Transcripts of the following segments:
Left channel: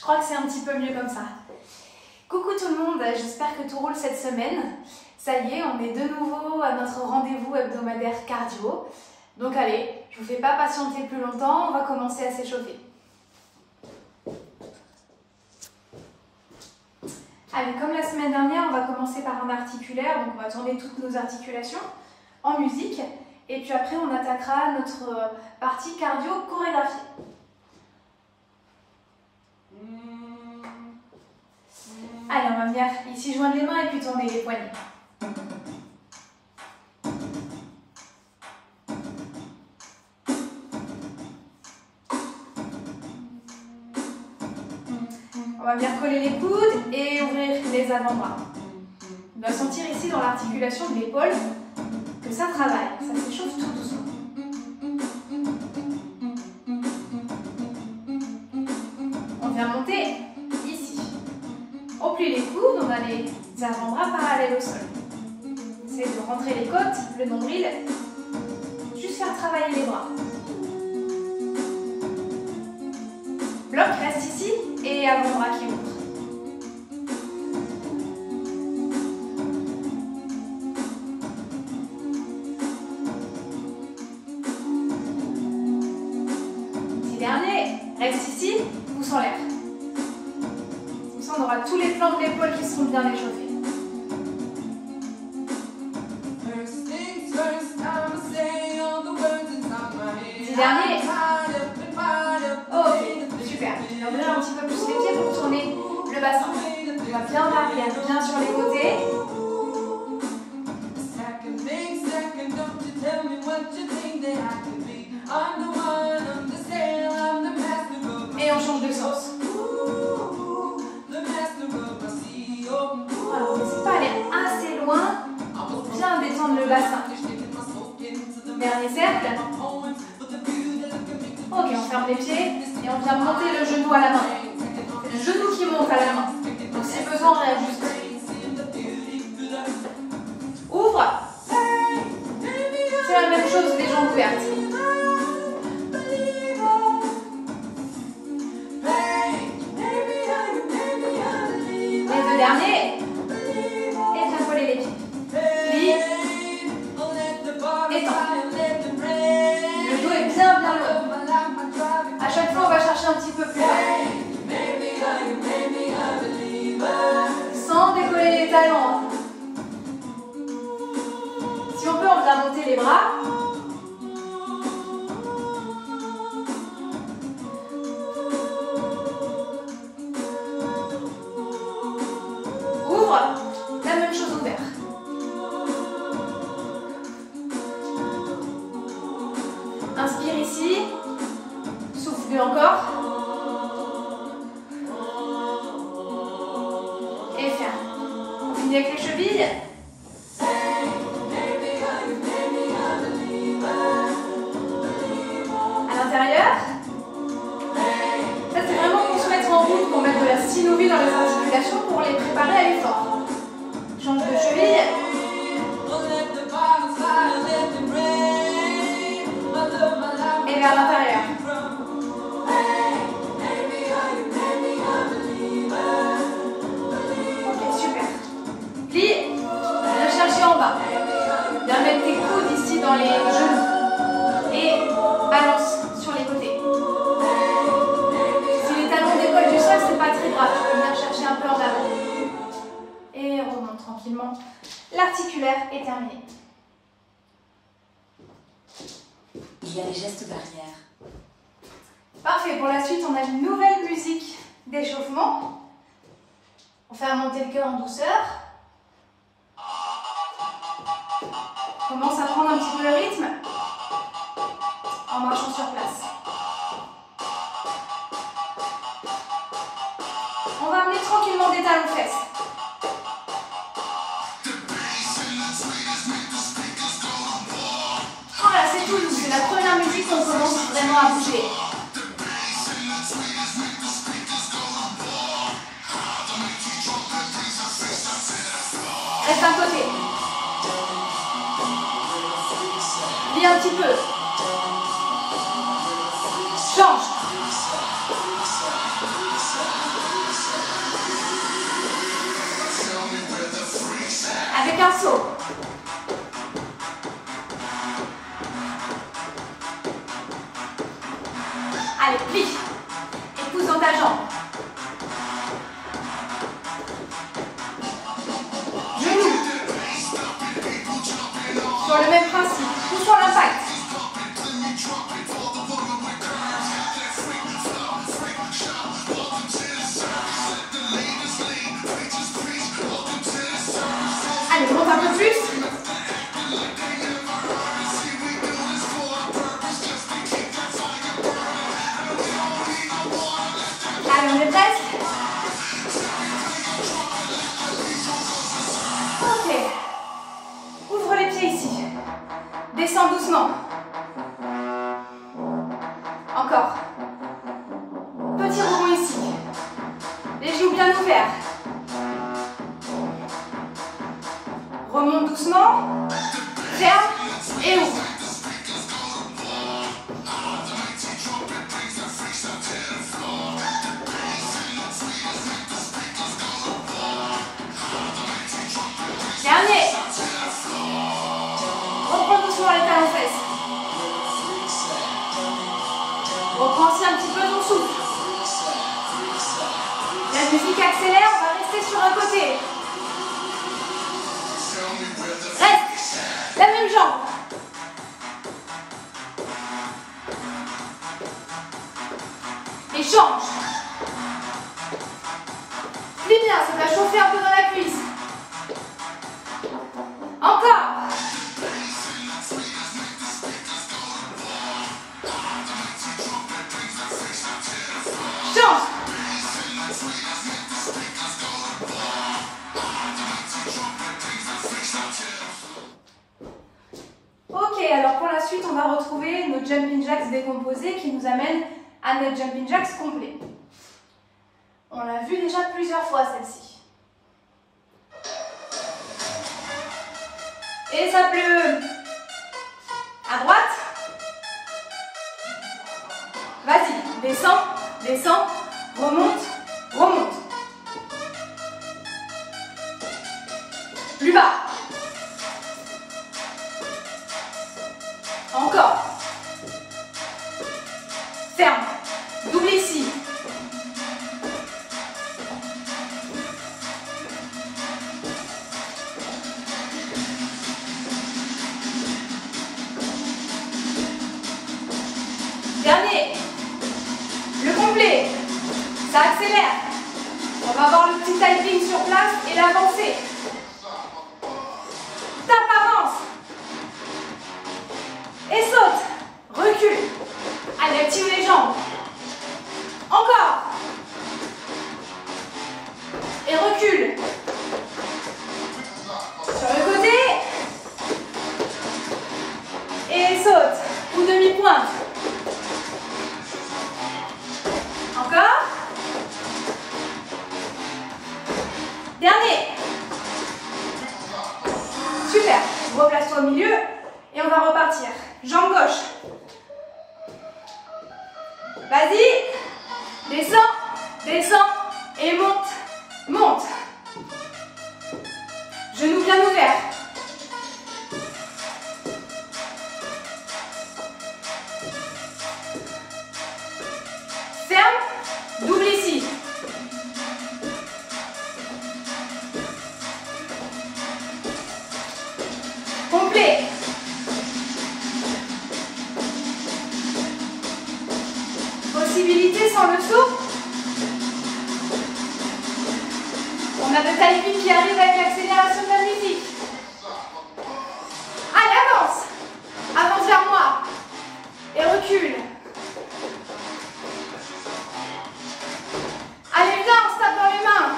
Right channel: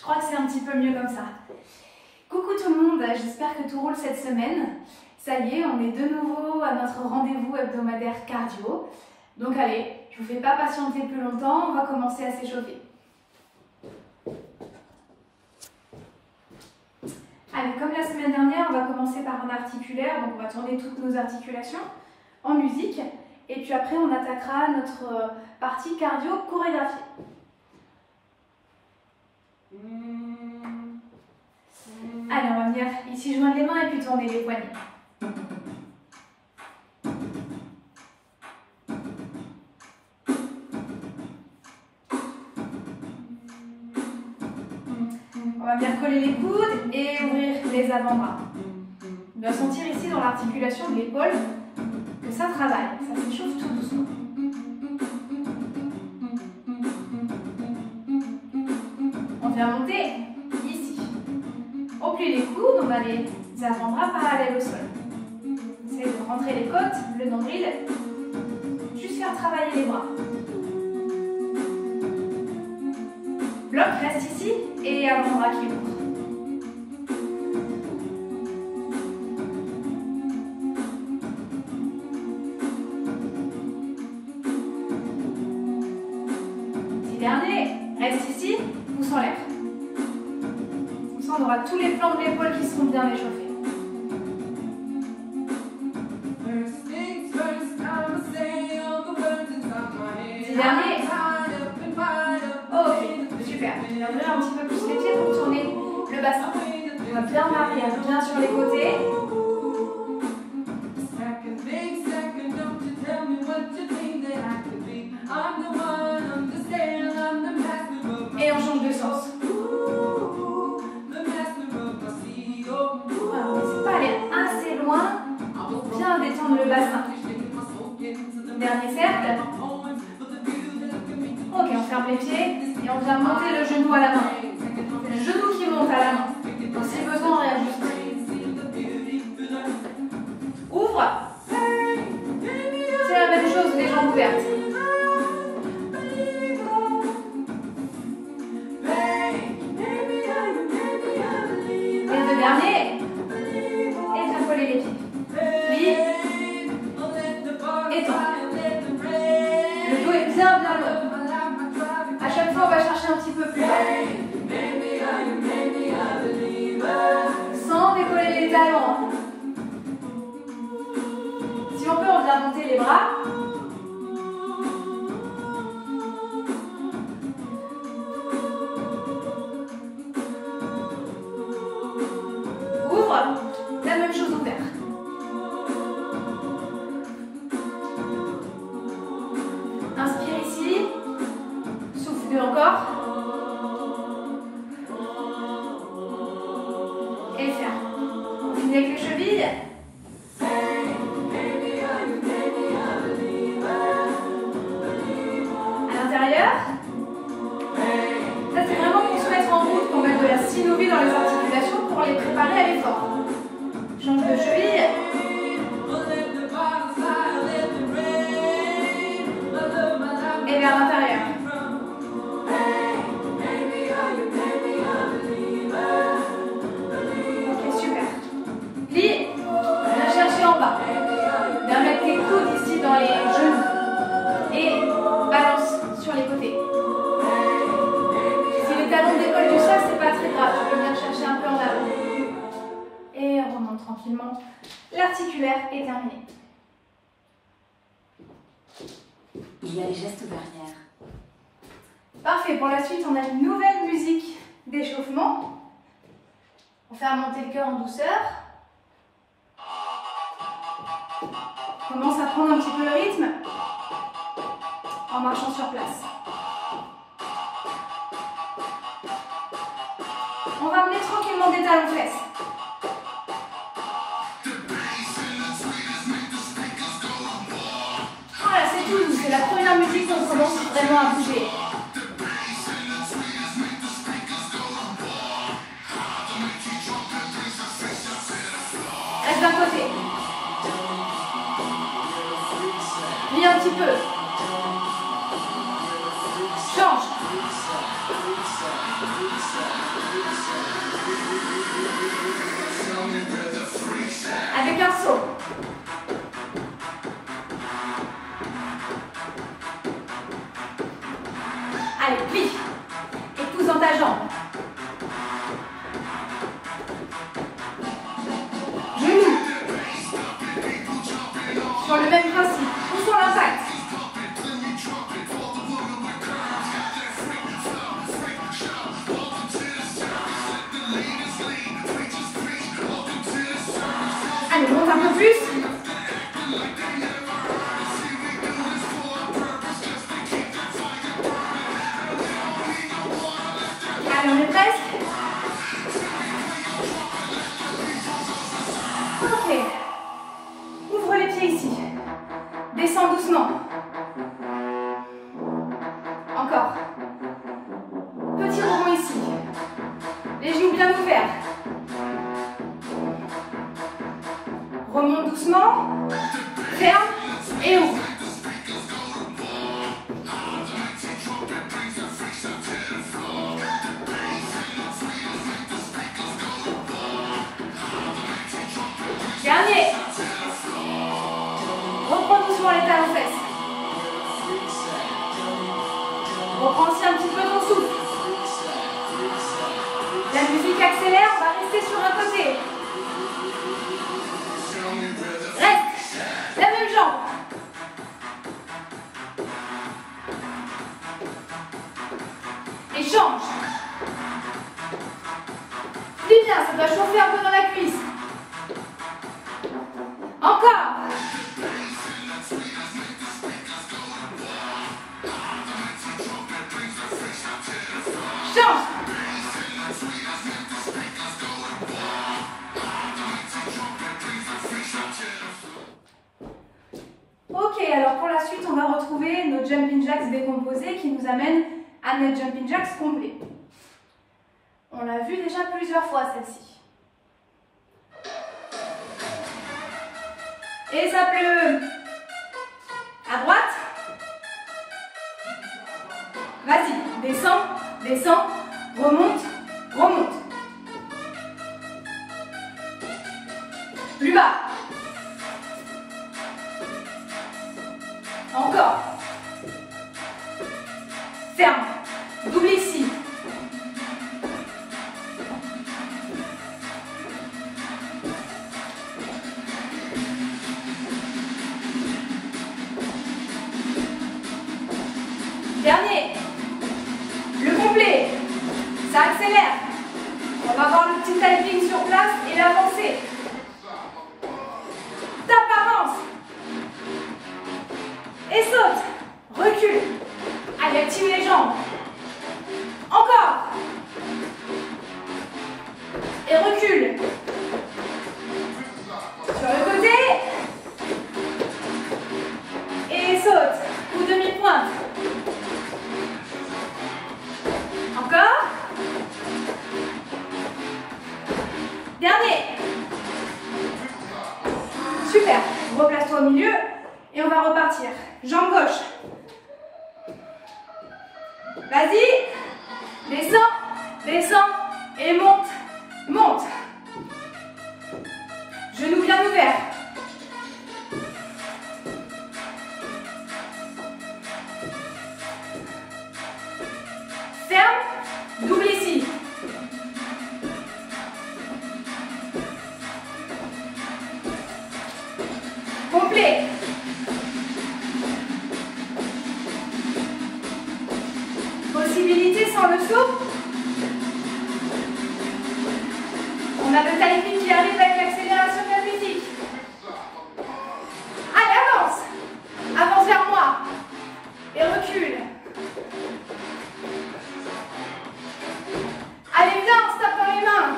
Je crois que c'est un petit peu mieux comme ça. Coucou tout le monde, j'espère que tout roule cette semaine. Ça y est, on est de nouveau à notre rendez-vous hebdomadaire cardio. Donc allez, je ne vous fais pas patienter plus longtemps, on va commencer à s'échauffer. Allez, comme la semaine dernière, on va commencer par un articulaire, donc on va tourner toutes nos articulations en musique. Et puis après, on attaquera notre partie cardio chorégraphiée. Allez, on va venir ici joindre les mains et puis tourner les poignets. On va bien coller les coudes et ouvrir les avant-bras. On va sentir ici dans l'articulation de l'épaule que ça travaille, ça s'échauffe tout doucement. On vient monter ici. On plie les coudes, on a les avant-bras parallèles au sol. Essayez de rentrer les côtes, le nombril, juste faire travailler les bras. Bloc reste ici et avant-bras qui ouvre. Petit dernier, reste ici, pouce en l'air. Comme ça, on aura tous les flancs de l'épaule qui seront bien échauffés. Petit dernier. Ok, super. Je vais ouvrir un petit peu plus les pieds pour tourner le bassin. On va bien l'arrière, bien sur les côtés. Et on change de sens. Voilà, on n'hésite pas à aller assez loin pour bien détendre le bassin. Dernier cercle. Ok, on ferme les pieds et on vient monter le genou à la main. C'est le genou qui monte à la main. Donc si besoin, on réajuste. Ouvre. C'est la même chose, les jambes ouvertes. Les deux derniers. Et bien coller les pieds. Plie. Étends. Le dos est bien long. À chaque fois, on va chercher un petit peu plus bas. Sans décoller les talons. Si on peut, on vient monter les bras. Ouvre. La même chose ouvert. Inspire ici. Souffle encore. Et ferme. On finit avec les chevilles. À l'intérieur. Ça, c'est vraiment qu'on se mette en route, qu'on mette de la synovie dans les articulations pour les préparer à l'effort. Change de cheville. Et vers l'intérieur. Ok, super. Plie. Viens chercher en bas. Viens mettre tes coudes ici dans les genoux. Et avance sur les côtés. Si les talons décollent du sol, c'est pas très grave. Tu peux venir chercher un peu en avant. Et on remonte tranquillement. L'articulaire est terminé. Il y a des gestes barrières. Parfait, pour la suite, on a une nouvelle musique d'échauffement. On fait monter le cœur en douceur. On commence à prendre un petit peu le rythme en marchant sur place. On va amener tranquillement des talons fesses. Voilà, c'est tout doux. C'est la première musique qu'on commence vraiment à bouger. Reste d'un côté. Lis un petit peu. Change. Avec un saut. Allez, plie. Et pousse dans ta jambe. Genou. Sur le même principe. Poussons l'impact. Allez, monte un peu plus. Allez, on est presque. Ok. Ouvre les pieds ici. Descends doucement. Encore. Petit rebond ici. Les genoux bien ouverts. Remonte doucement. Ferme et ouvre. Dernier. Reprends doucement les talons fesses. Reprends aussi un petit peu ton souffle. La musique accélère, on va rester sur un côté. Reste. La même jambe. Et change. Plie bien, ça va chauffer un peu dans la cuisse. Encore. Change. Ok, alors pour la suite, on va retrouver nos jumping jacks décomposés qui nous amènent à notre jumping jacks complet. On l'a vu déjà plusieurs fois celle-ci. Et ça pleut. À droite. Vas-y, descends, descends, remonte, remonte. Plus bas. Encore. Ferme. Double ici. Dernier. Le complet. Ça accélère. On va avoir le petit typing sur place et l'avancée. Tape, avance. Et saute. Recule. Allez, active les jambes. Encore. Et recule. Sur le côté. Et saute. Ou demi-pointe. Encore. Dernier. Super. Replace-toi au milieu et on va repartir. Jambe gauche. Vas-y. Descends, descends et monte, monte. Genoux bien ouverts. Ferme, double ici. Complet. Possibilité sans le saut. On a le timing qui arrive avec l'accélération de la musique. Allez, avance. Avance vers moi. Et recule. Allez, viens, on se tape dans les mains.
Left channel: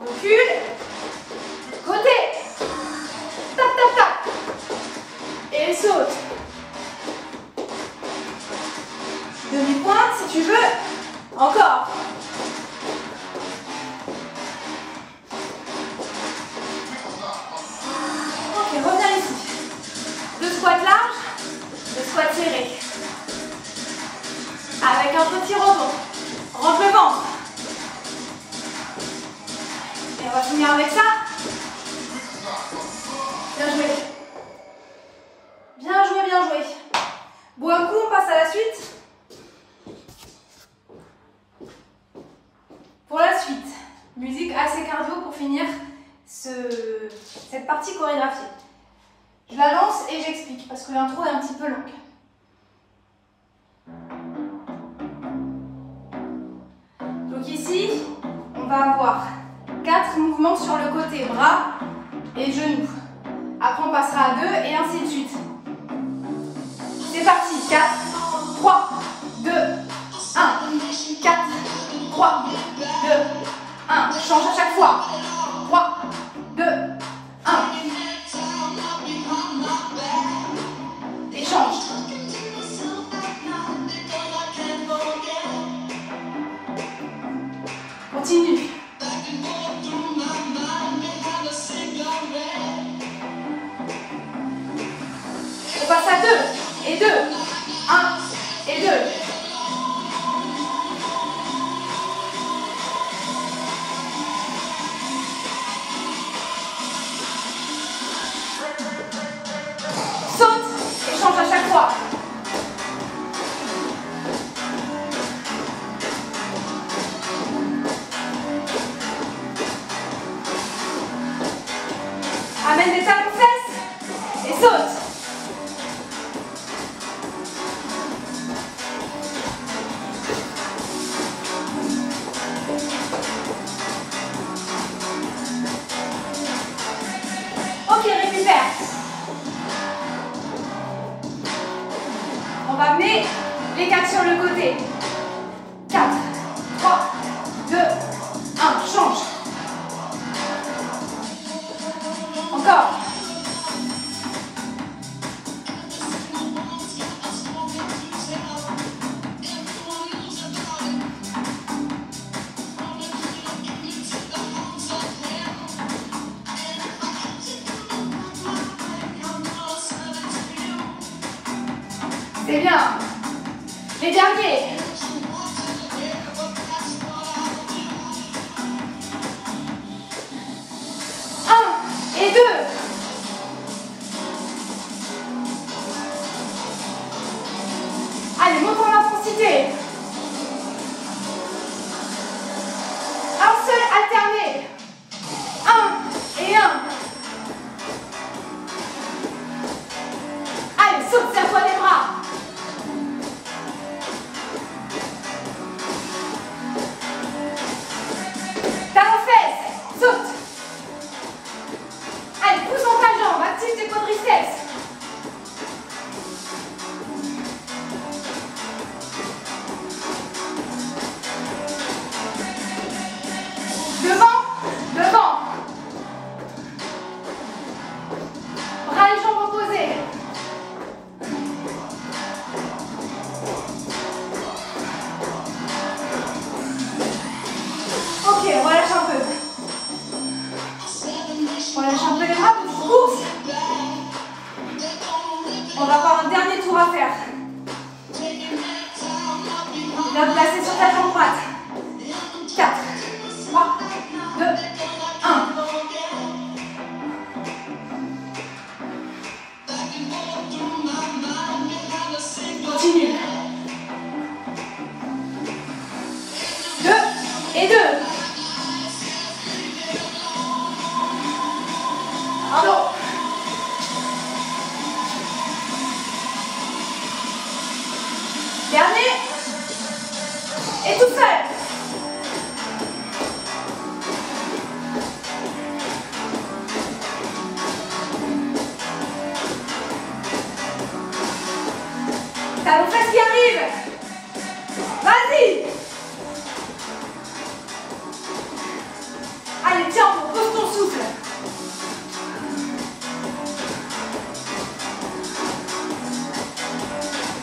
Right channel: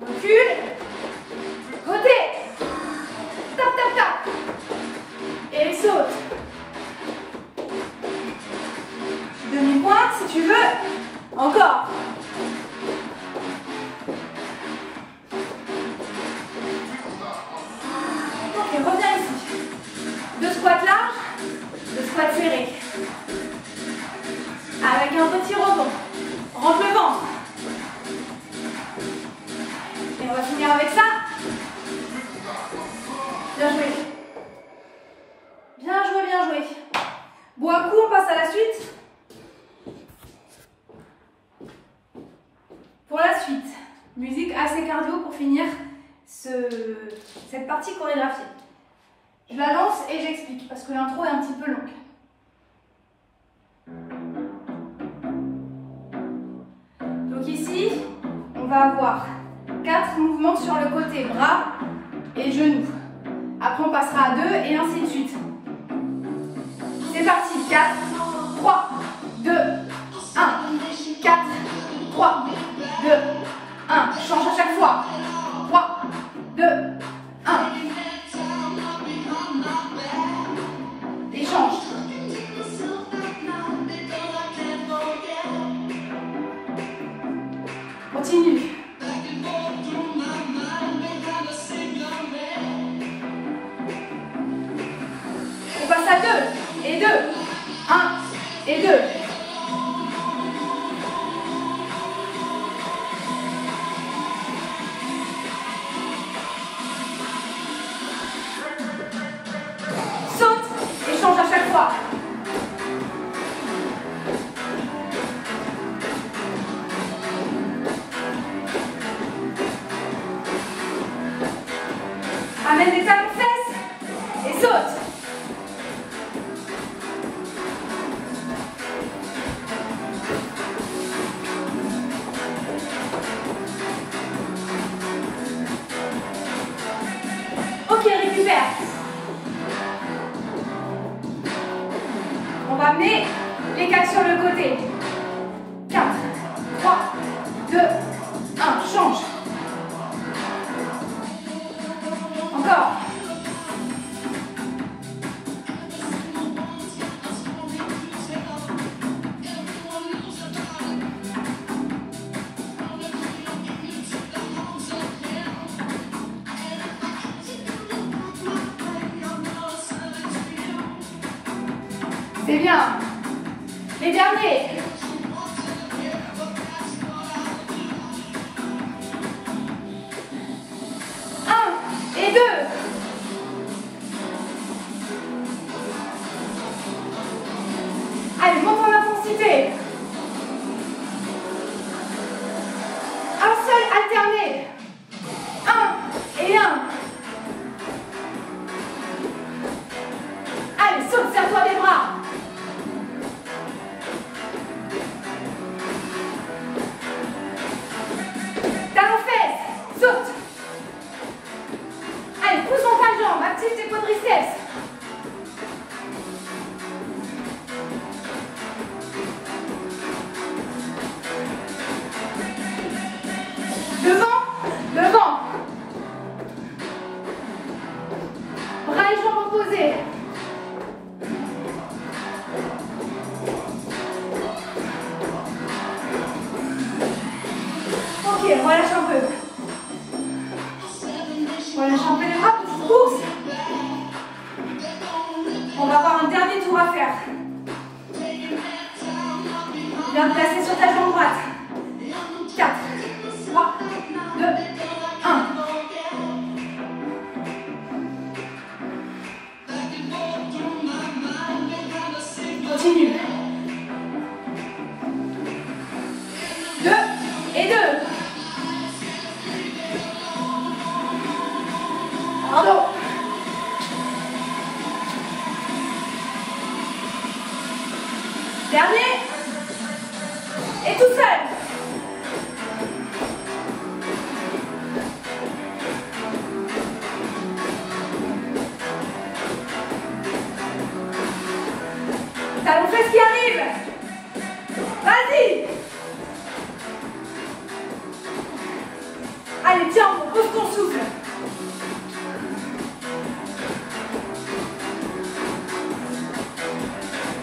Recule. Côté. Tap, tap, tap. Et saute. Demi-pointe si tu veux. Encore. Ok, reviens ici. Deux squats larges, deux squats serrés. devant. Et on va finir avec ça. Bien joué. Bien joué, bien joué. Bois un coup, on passe à la suite. Pour la suite, musique assez cardio pour finir cette partie chorégraphiée. Je la lance et j'explique parce que l'intro est un petit peu longue. Donc ici, on va avoir 4 mouvements sur le côté, bras et genoux. Après, on passera à 2 et ainsi de suite. C'est parti, 4, 3, 2, 1, 4, 3, 2, 1. Change à chaque fois. 3, 2, 1. Et change. Continue. On passe à 2 et 2. 1 et 2. Saute et change à chaque fois. Amène des talons fesses et saute. Ok, récupère. On va amener les 4 sur le côté. 4, 3, 2, 1. Change. Encore. C'est bien. Les derniers. 1 et 2. Allez, monte en intensité. Un seul alterné. 1 et 1. Allez, saute, serre-toi les bras. Talons fesses, saute. Allez, pousse dans ta jambe, active tes quadriceps. Devant, devant. Bras et jambes opposés. Ok, relâche un peu. Relâche un peu les bras, pousse. On va avoir un dernier tour à faire. Viens te placer sur ta jambe droite. 4, 3, 2, 1. Continue. 2 et 2. Pardon. Dernier. Et tout seul. Talons fesses qui arrive. Vas-y. Allez, tiens, pose ton souffle.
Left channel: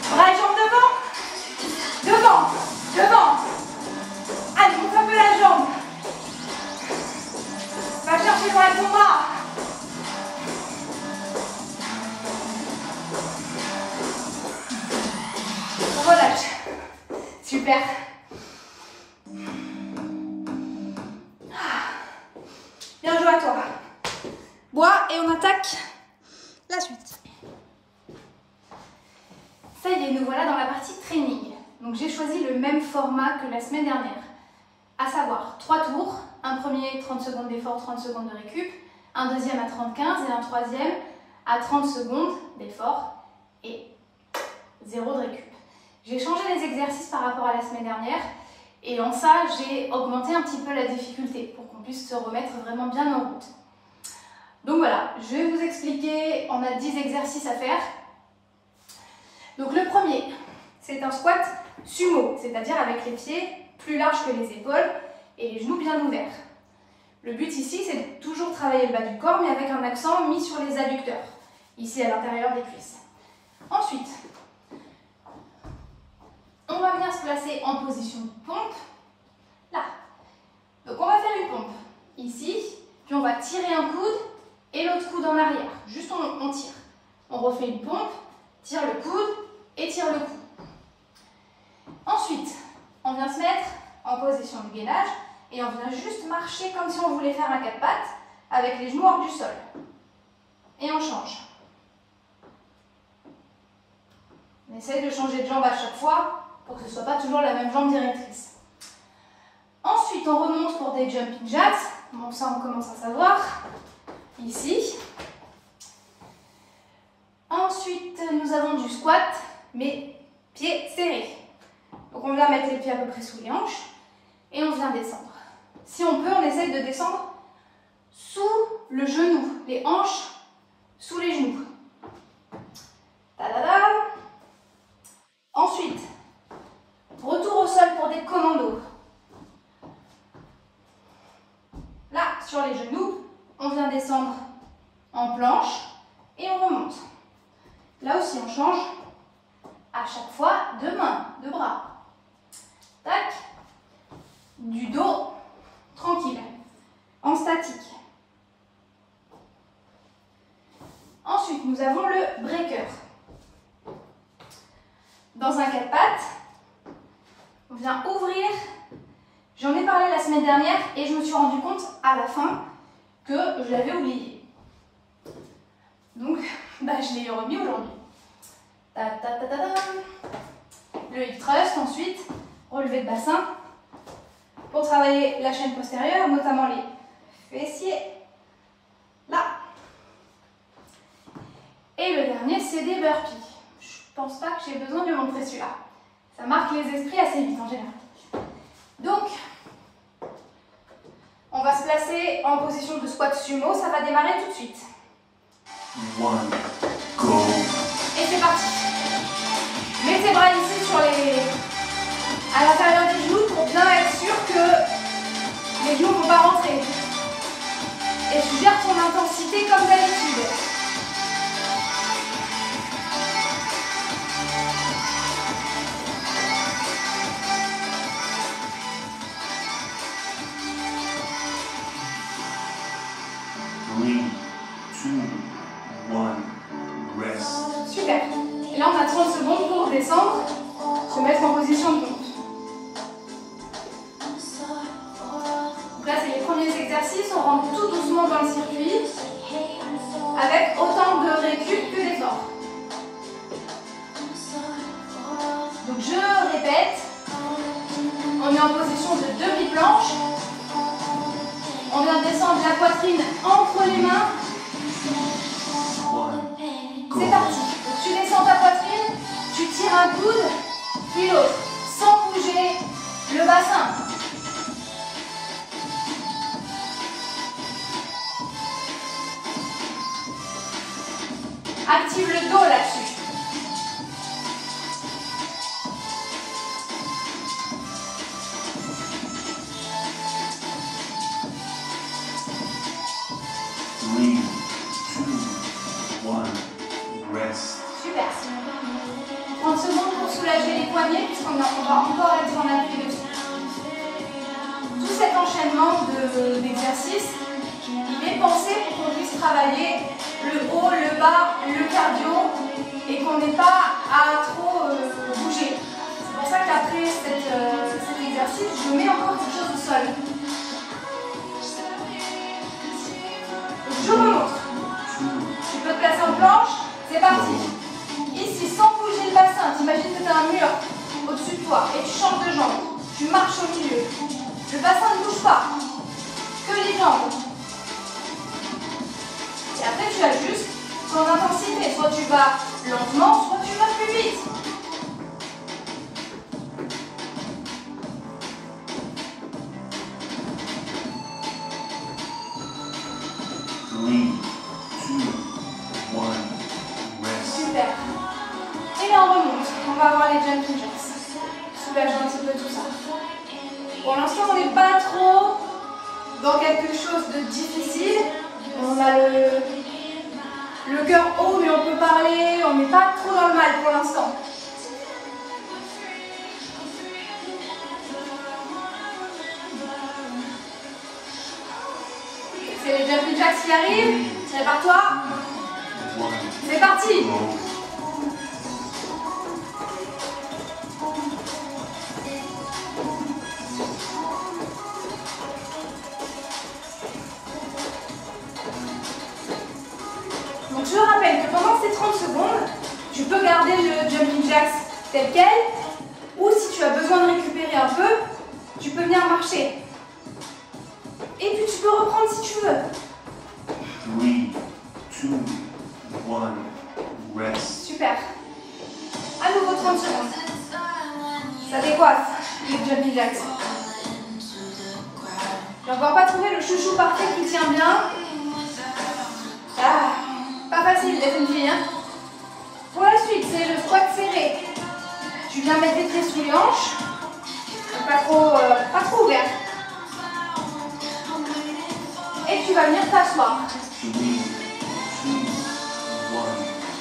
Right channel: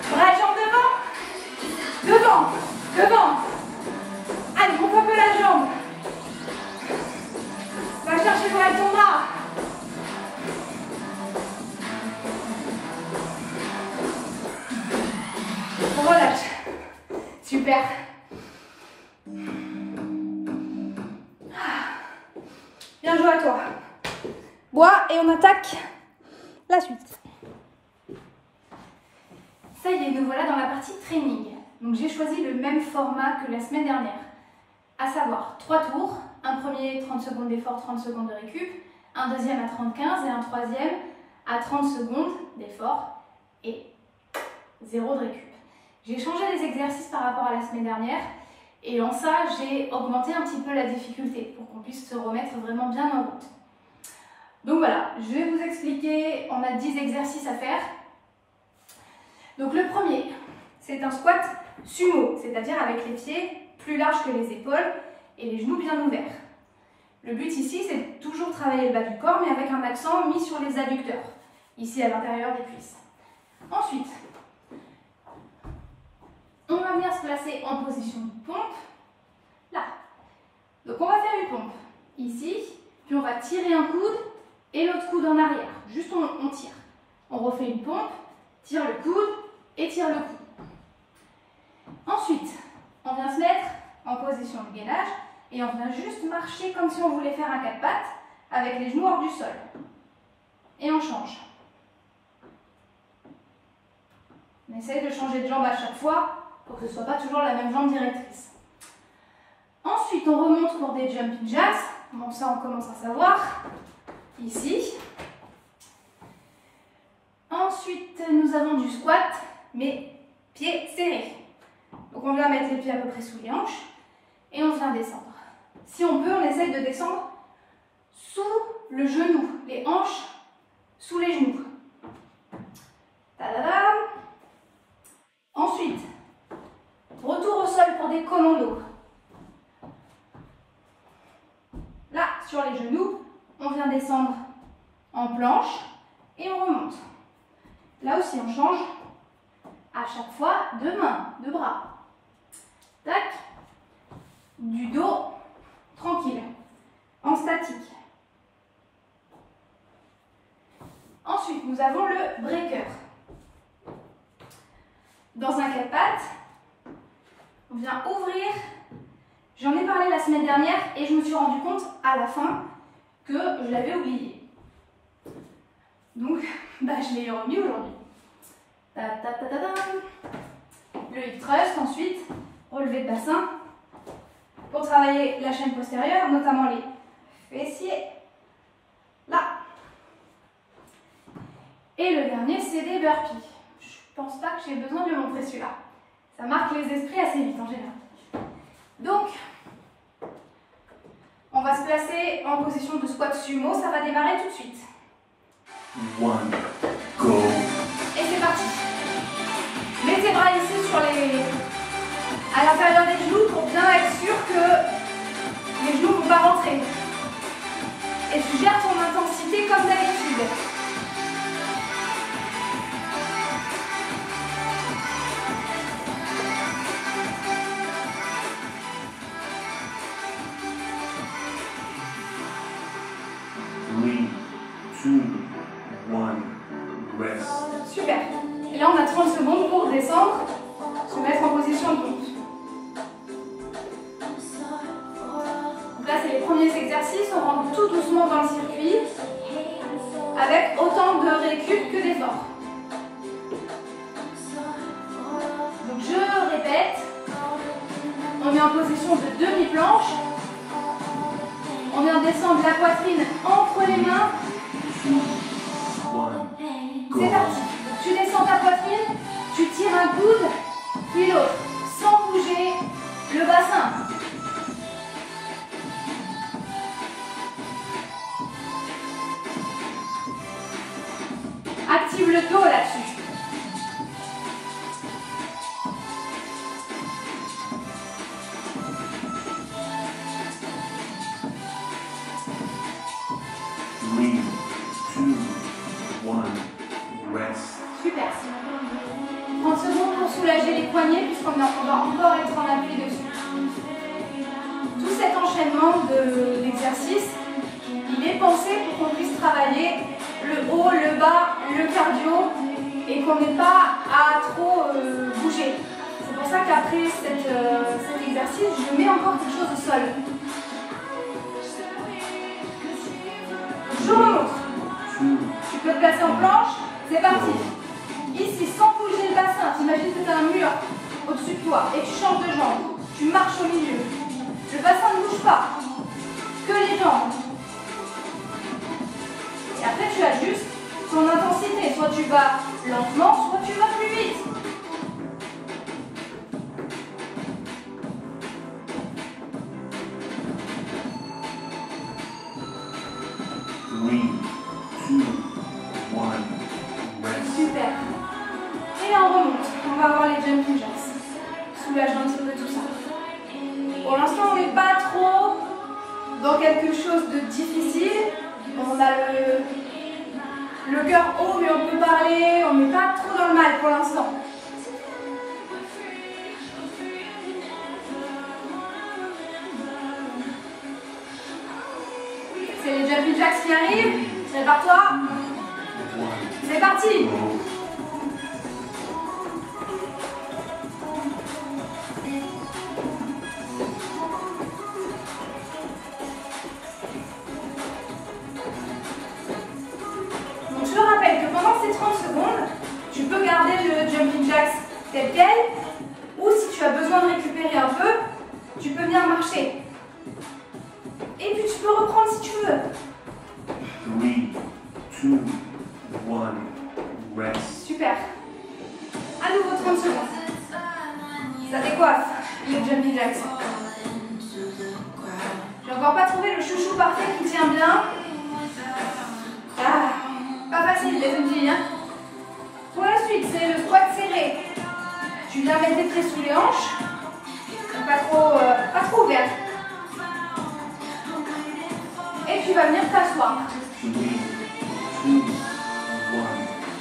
Bras et jambes devant. Devant. Devant. Allez, monte un peu la jambe. Va chercher loin avec ton bras. Relâche. Super. attaque la suite. Ça y est, nous voilà dans la partie training. Donc j'ai choisi le même format que la semaine dernière, à savoir 3 tours, un premier 30 secondes d'effort, 30 secondes de récup, un deuxième à 30-15 et un troisième à 30 secondes d'effort et 0 de récup. J'ai changé les exercices par rapport à la semaine dernière et en ça j'ai augmenté un petit peu la difficulté pour qu'on puisse se remettre vraiment bien en route. Donc voilà, je vais vous expliquer, on a 10 exercices à faire. Donc le premier, c'est un squat sumo, c'est-à-dire avec les pieds plus larges que les épaules et les genoux bien ouverts. Le but ici, c'est de toujours travailler le bas du corps, mais avec un accent mis sur les adducteurs, ici à l'intérieur des cuisses. Ensuite, on va venir se placer en position de pompe, là. Donc on va faire une pompe, ici, puis on va tirer un coude et l'autre coude en arrière. Juste on tire. On refait une pompe, tire le coude et tire le coude. Ensuite, on vient se mettre en position de gainage et on vient juste marcher comme si on voulait faire un 4 pattes avec les genoux hors du sol. Et on change. On essaye de changer de jambe à chaque fois pour que ce ne soit pas toujours la même jambe directrice. Ensuite, on remonte pour des jumping jacks. Bon, ça, on commence à savoir. Ici. Ensuite, nous avons du squat, mais pieds serrés. Donc, on vient mettre les pieds à peu près sous les hanches et on vient descendre. Si on peut, on essaye de descendre sous le genou, les hanches sous les genoux. Tadadam. Ensuite, retour au sol pour des commandos. Là, sur les genoux, on vient descendre en planche et on remonte. Là aussi, on change à chaque fois de main, de bras. Tac. Du dos, tranquille, en statique. Ensuite, nous avons le breaker. Dans un 4 pattes, on vient ouvrir. J'en ai parlé la semaine dernière et je me suis rendu compte à la fin que je l'avais oublié. Donc, je l'ai remis aujourd'hui. Le hip thrust, ensuite, relevé de bassin pour travailler la chaîne postérieure, notamment les fessiers. Là. Et le dernier, c'est des burpees. Je pense pas que j'ai besoin de le montrer celui-là. Ça marque les esprits assez vite en général. Donc, on va se placer en position de squat sumo. Ça va démarrer tout de suite. One, go. Et c'est parti. Mets tes bras ici à l'intérieur des genoux pour bien être sûr que les genoux ne vont pas rentrer. Et tu gères ton intensité comme d'habitude. Super. Et là, on a 30 secondes pour descendre, se mettre en position de pompe. Donc là, c'est les premiers exercices. On rentre tout doucement dans le circuit avec autant de récup que d'effort. Donc, je répète. On est en position de demi-planche. On vient descendre la poitrine entre les mains. C'est parti. Donc, tu descends ta poitrine, tu tires un coude, puis l'autre, sans bouger le bassin. Active le dos là-dessus. Super. 30 secondes pour soulager les poignets puisqu'on va encore être en appui dessus. Tout cet enchaînement d'exercices, il est pensé pour qu'on puisse travailler le haut, le bas, le cardio et qu'on n'ait pas à trop bouger. C'est pour ça qu'après cet exercice, je mets encore quelque chose au sol. Donc je remonte. tu marches au milieu. Le bassin ne bouge pas. Que les jambes. Et après, tu ajustes ton intensité. Soit tu vas lentement, soit tu vas plus vite. Super. Et on remonte. On va avoir les jumping jacks. Soulage un petit peu tout ça. Pour l'instant, on n'est pas trop dans quelque chose de difficile. On a le cœur haut, mais on peut parler. On n'est pas trop dans le mal pour l'instant. C'est les jumping jacks qui arrivent. Prépare-toi. C'est parti. Donc je rappelle que pendant ces 30 secondes, tu peux garder le jumping jacks tel quel, ou si tu as besoin de récupérer un peu, tu peux venir marcher. Et puis tu peux reprendre si tu veux. 3, 2, 1, rest. Super. À nouveau 30 secondes. Ça décoiffe, le jumping jacks. J'ai encore pas trouvé le chouchou parfait qui tient bien. Ah, pas facile d'être une fille, hein. Pour la suite, c'est le squat serré. Tu viens mettre tes pieds sous les hanches. Pas trop ouvert. Et tu vas venir t'asseoir. 3, 2, 1,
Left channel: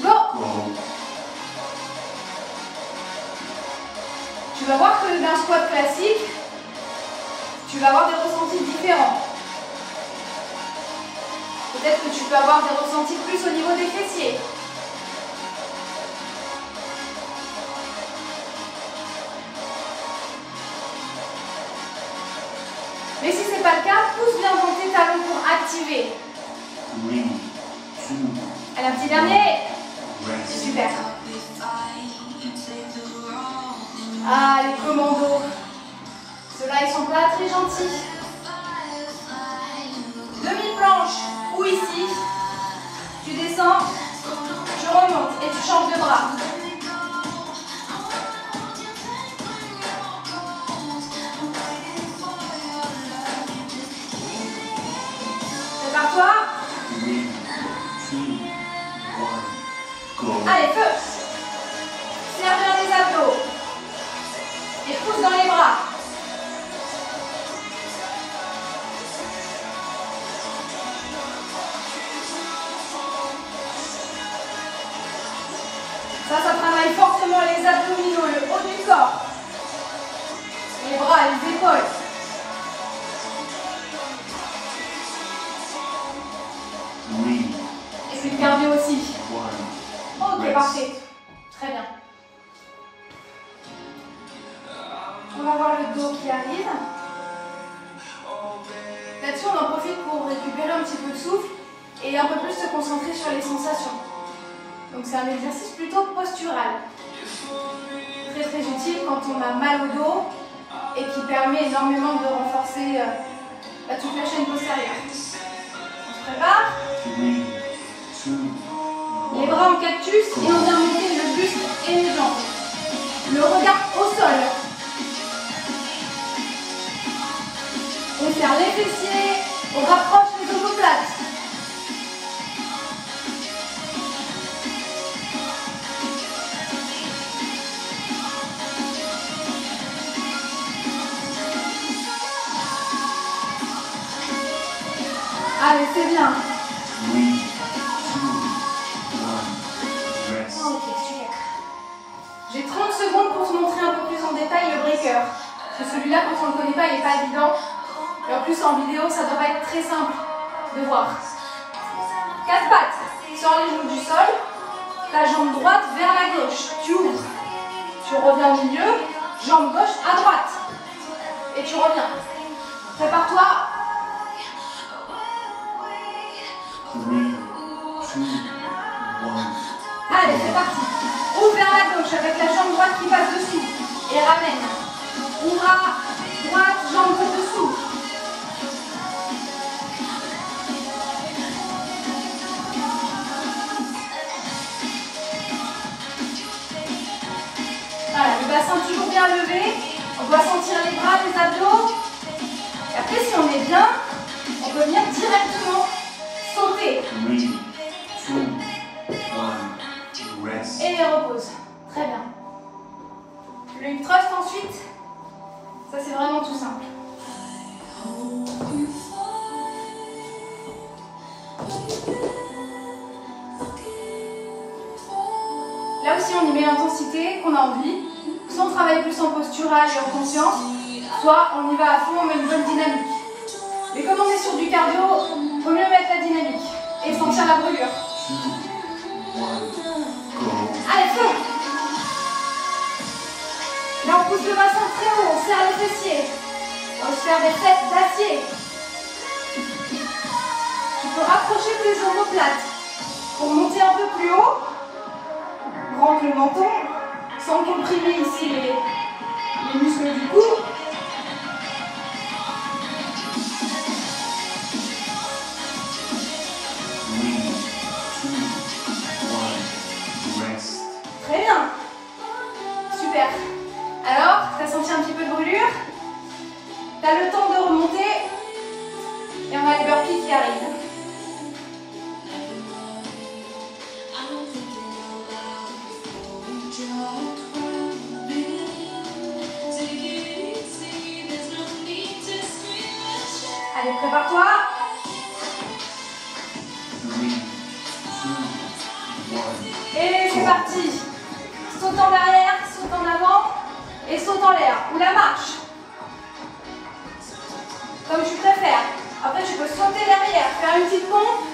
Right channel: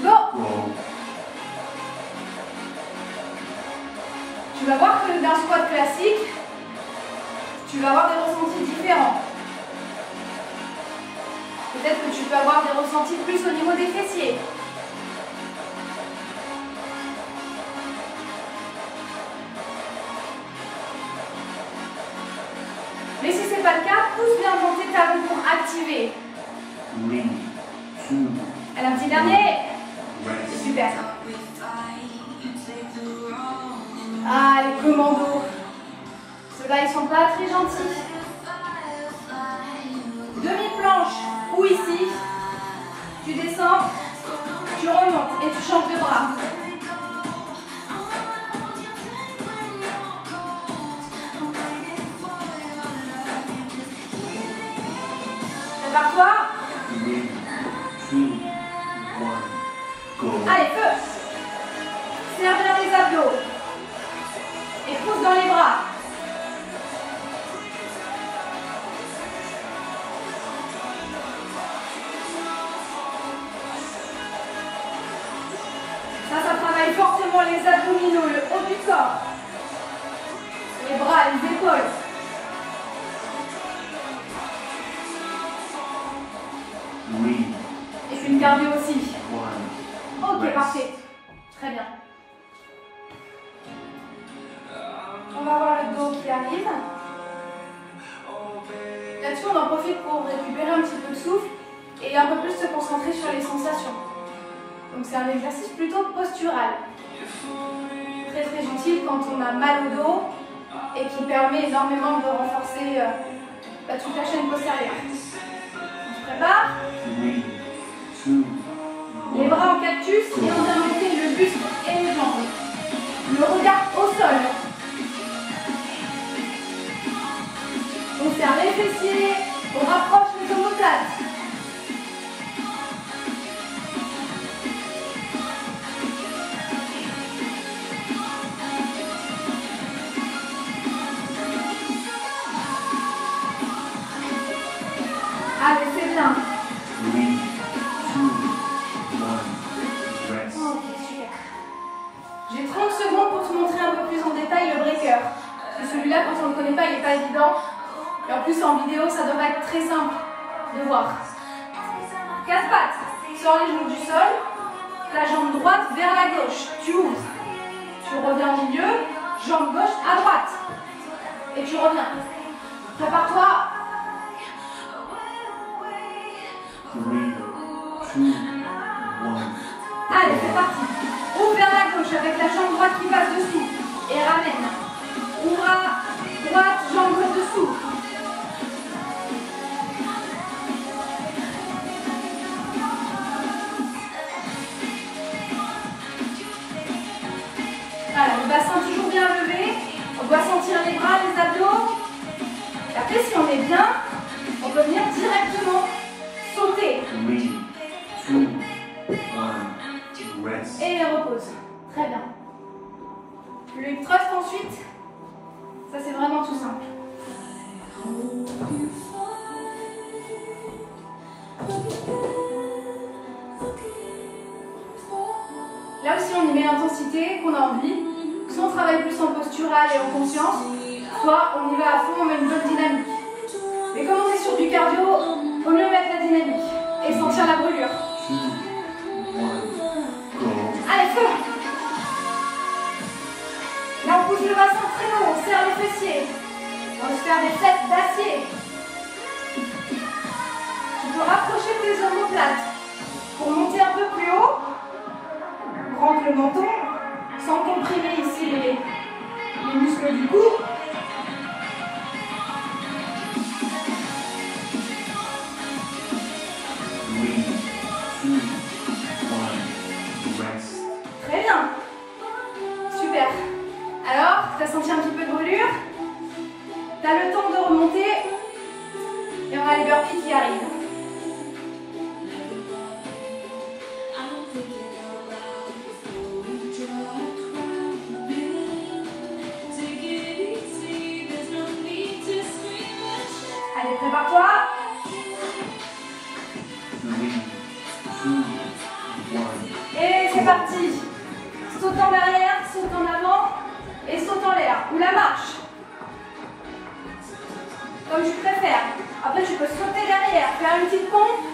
Go. go. Tu vas voir que d'un squat classique, tu vas avoir des ressentis différents. Peut-être que tu peux avoir des ressentis plus au niveau des fessiers. Mais si ce n'est pas le cas, pousse bien dans tes talons pour activer. 3, 2, Allez, un petit dernier. rest. Super. Ah, les commandos. Ceux-là, ils sont pas très gentils. Demi-planche ou ici. Tu descends, tu remontes et tu changes de bras. Prépare-toi. 3, 2, 1, go. Allez, feu. Serre bien les abdos. Et pousse dans les bras. Ça travaille fortement les abdominaux, le haut du corps. Les bras, les épaules. Et puis le cardio aussi. 1, Ok, parfait. Très bien. On va voir le dos qui arrive. Là-dessus, on en profite pour récupérer un petit peu de souffle et un peu plus se concentrer sur les sensations. Donc c'est un exercice plutôt postural. Très très utile quand on a mal au dos et qui permet énormément de renforcer toute la chaîne postérieure. On se prépare. 3, 2, Les bras en cactus et on vient monter le buste et les jambes. Le regard au sol. On serre les fessiers, on rapproche les omoplates. Allez, c'est bien. 3, 2, 1, rest. Ok, super. J'ai 30 secondes pour te montrer un peu plus en détail le breaker. Parce que celui-là, quand on ne le connaît pas, il n'est pas évident. Et en plus, en vidéo, ça ne doit pas être très simple de voir. 4 pattes, sors les genoux du sol. Ta jambe droite vers la gauche. Tu ouvres. Tu reviens au milieu. Jambe gauche à droite. Et tu reviens. Prépare-toi. 3, 2, 1. Allez, c'est parti. Ouvre vers la gauche avec la jambe droite qui passe dessous. Et ramène. Ouvre à droite, jambe pour dessous. Voilà, le bassin toujours bien levé. On doit sentir les bras, les abdos. Et après, si on est bien, on peut venir directement sauter. 3, 2, 1, rest. Et repose. Très bien. Le thrust ensuite. Ça, c'est vraiment tout simple. Là aussi, on y met l'intensité qu'on a envie. Soit on travaille plus en postural et en conscience, soit on y va à fond, on met une bonne dynamique. Mais comme on est sur du cardio, il vaut mieux mettre la dynamique et sentir la brûlure. 2, 1, go. Allez, feu! Là, on pousse le bassin très haut, on serre les fessiers. On va se faire des fêtes d'acier. Tu peux rapprocher tes omoplates pour monter un peu plus haut, pour rendre le menton, sans comprimer ici les muscles du cou. Très bien. Super. Alors, tu as senti un petit peu de brûlure. Tu as le temps de remonter. Et on a les burpees qui arrivent. Allez, prépare-toi. 3, 2, 1. Et c'est parti. Saute en arrière, saute en avant et saute en l'air. Ou la marche. Comme tu préfères. Après, tu peux sauter derrière, faire une petite pompe,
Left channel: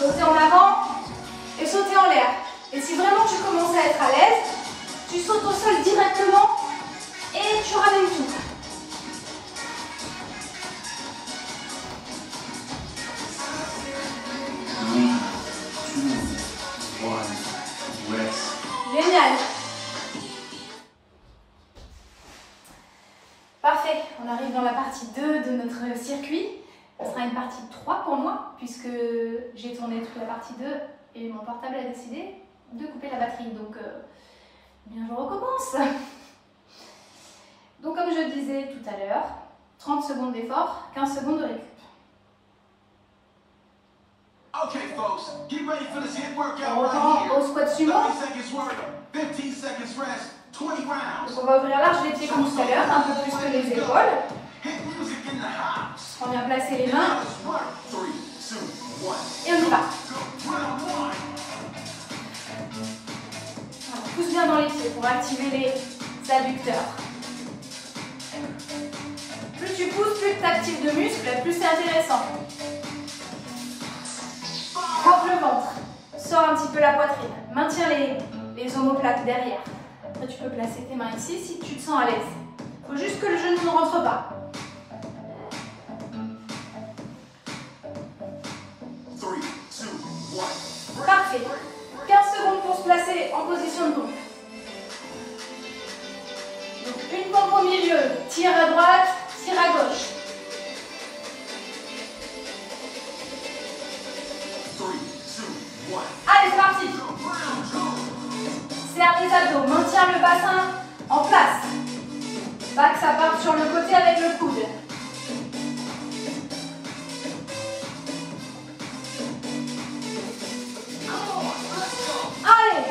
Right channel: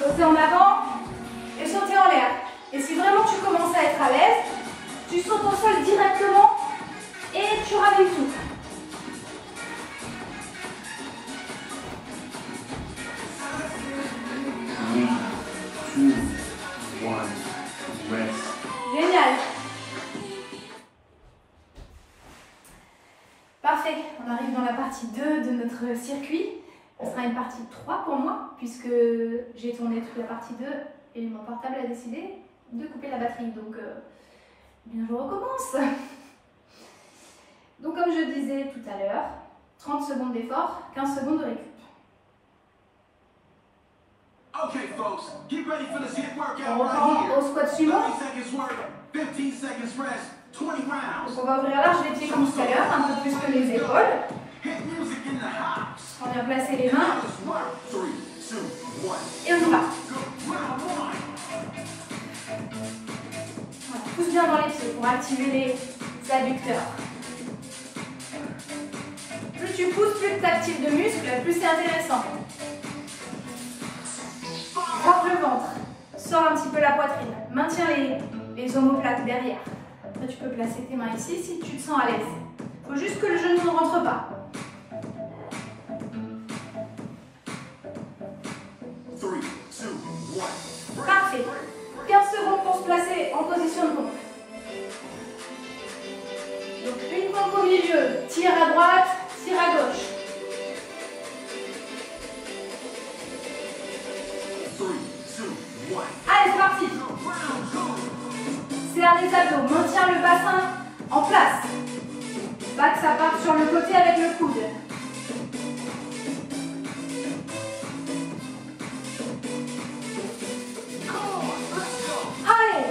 sauter en avant et sauter en l'air. Et si vraiment tu commences à être à l'aise, tu sautes au sol directement et tu ramènes tout. Génial. Parfait, on arrive dans la partie 2 de notre circuit. Ce sera une partie 3 pour moi, puisque j'ai tourné toute la partie 2 et mon portable a décidé de couper la batterie. Donc, bien, je recommence. Donc, comme je disais tout à l'heure, 30 secondes d'effort, 15 secondes de récup. Okay, folks, get ready for this hit workout On right reprend here. au squat sumo. 30 seconds work, 15 seconds rest, 20 rounds. Donc, on va ouvrir large les pieds comme tout à l'heure, un peu plus que les épaules. Hit music in the house. On vient placer les mains Now let's work. 3, 2, 1. et on y va. Go. Round 1. Voilà, pousse bien dans les pieds pour activer les adducteurs. Plus tu pousses, plus tu actives de muscles, plus c'est intéressant. Rentre le ventre, sors un petit peu la poitrine, maintiens les omoplates derrière. Après tu peux placer tes mains ici si tu te sens à l'aise. Il faut juste que le genou ne rentre pas. 3, 2, 1. Parfait. 15 secondes pour se placer en position de pompe. Donc une pompe au milieu, tire à droite, tire à gauche. 3, 2, 1. Allez, c'est parti. Round 2. Serre les abdos, maintiens le bassin en place. Pas que ça parte sur le côté avec le coude. Allez.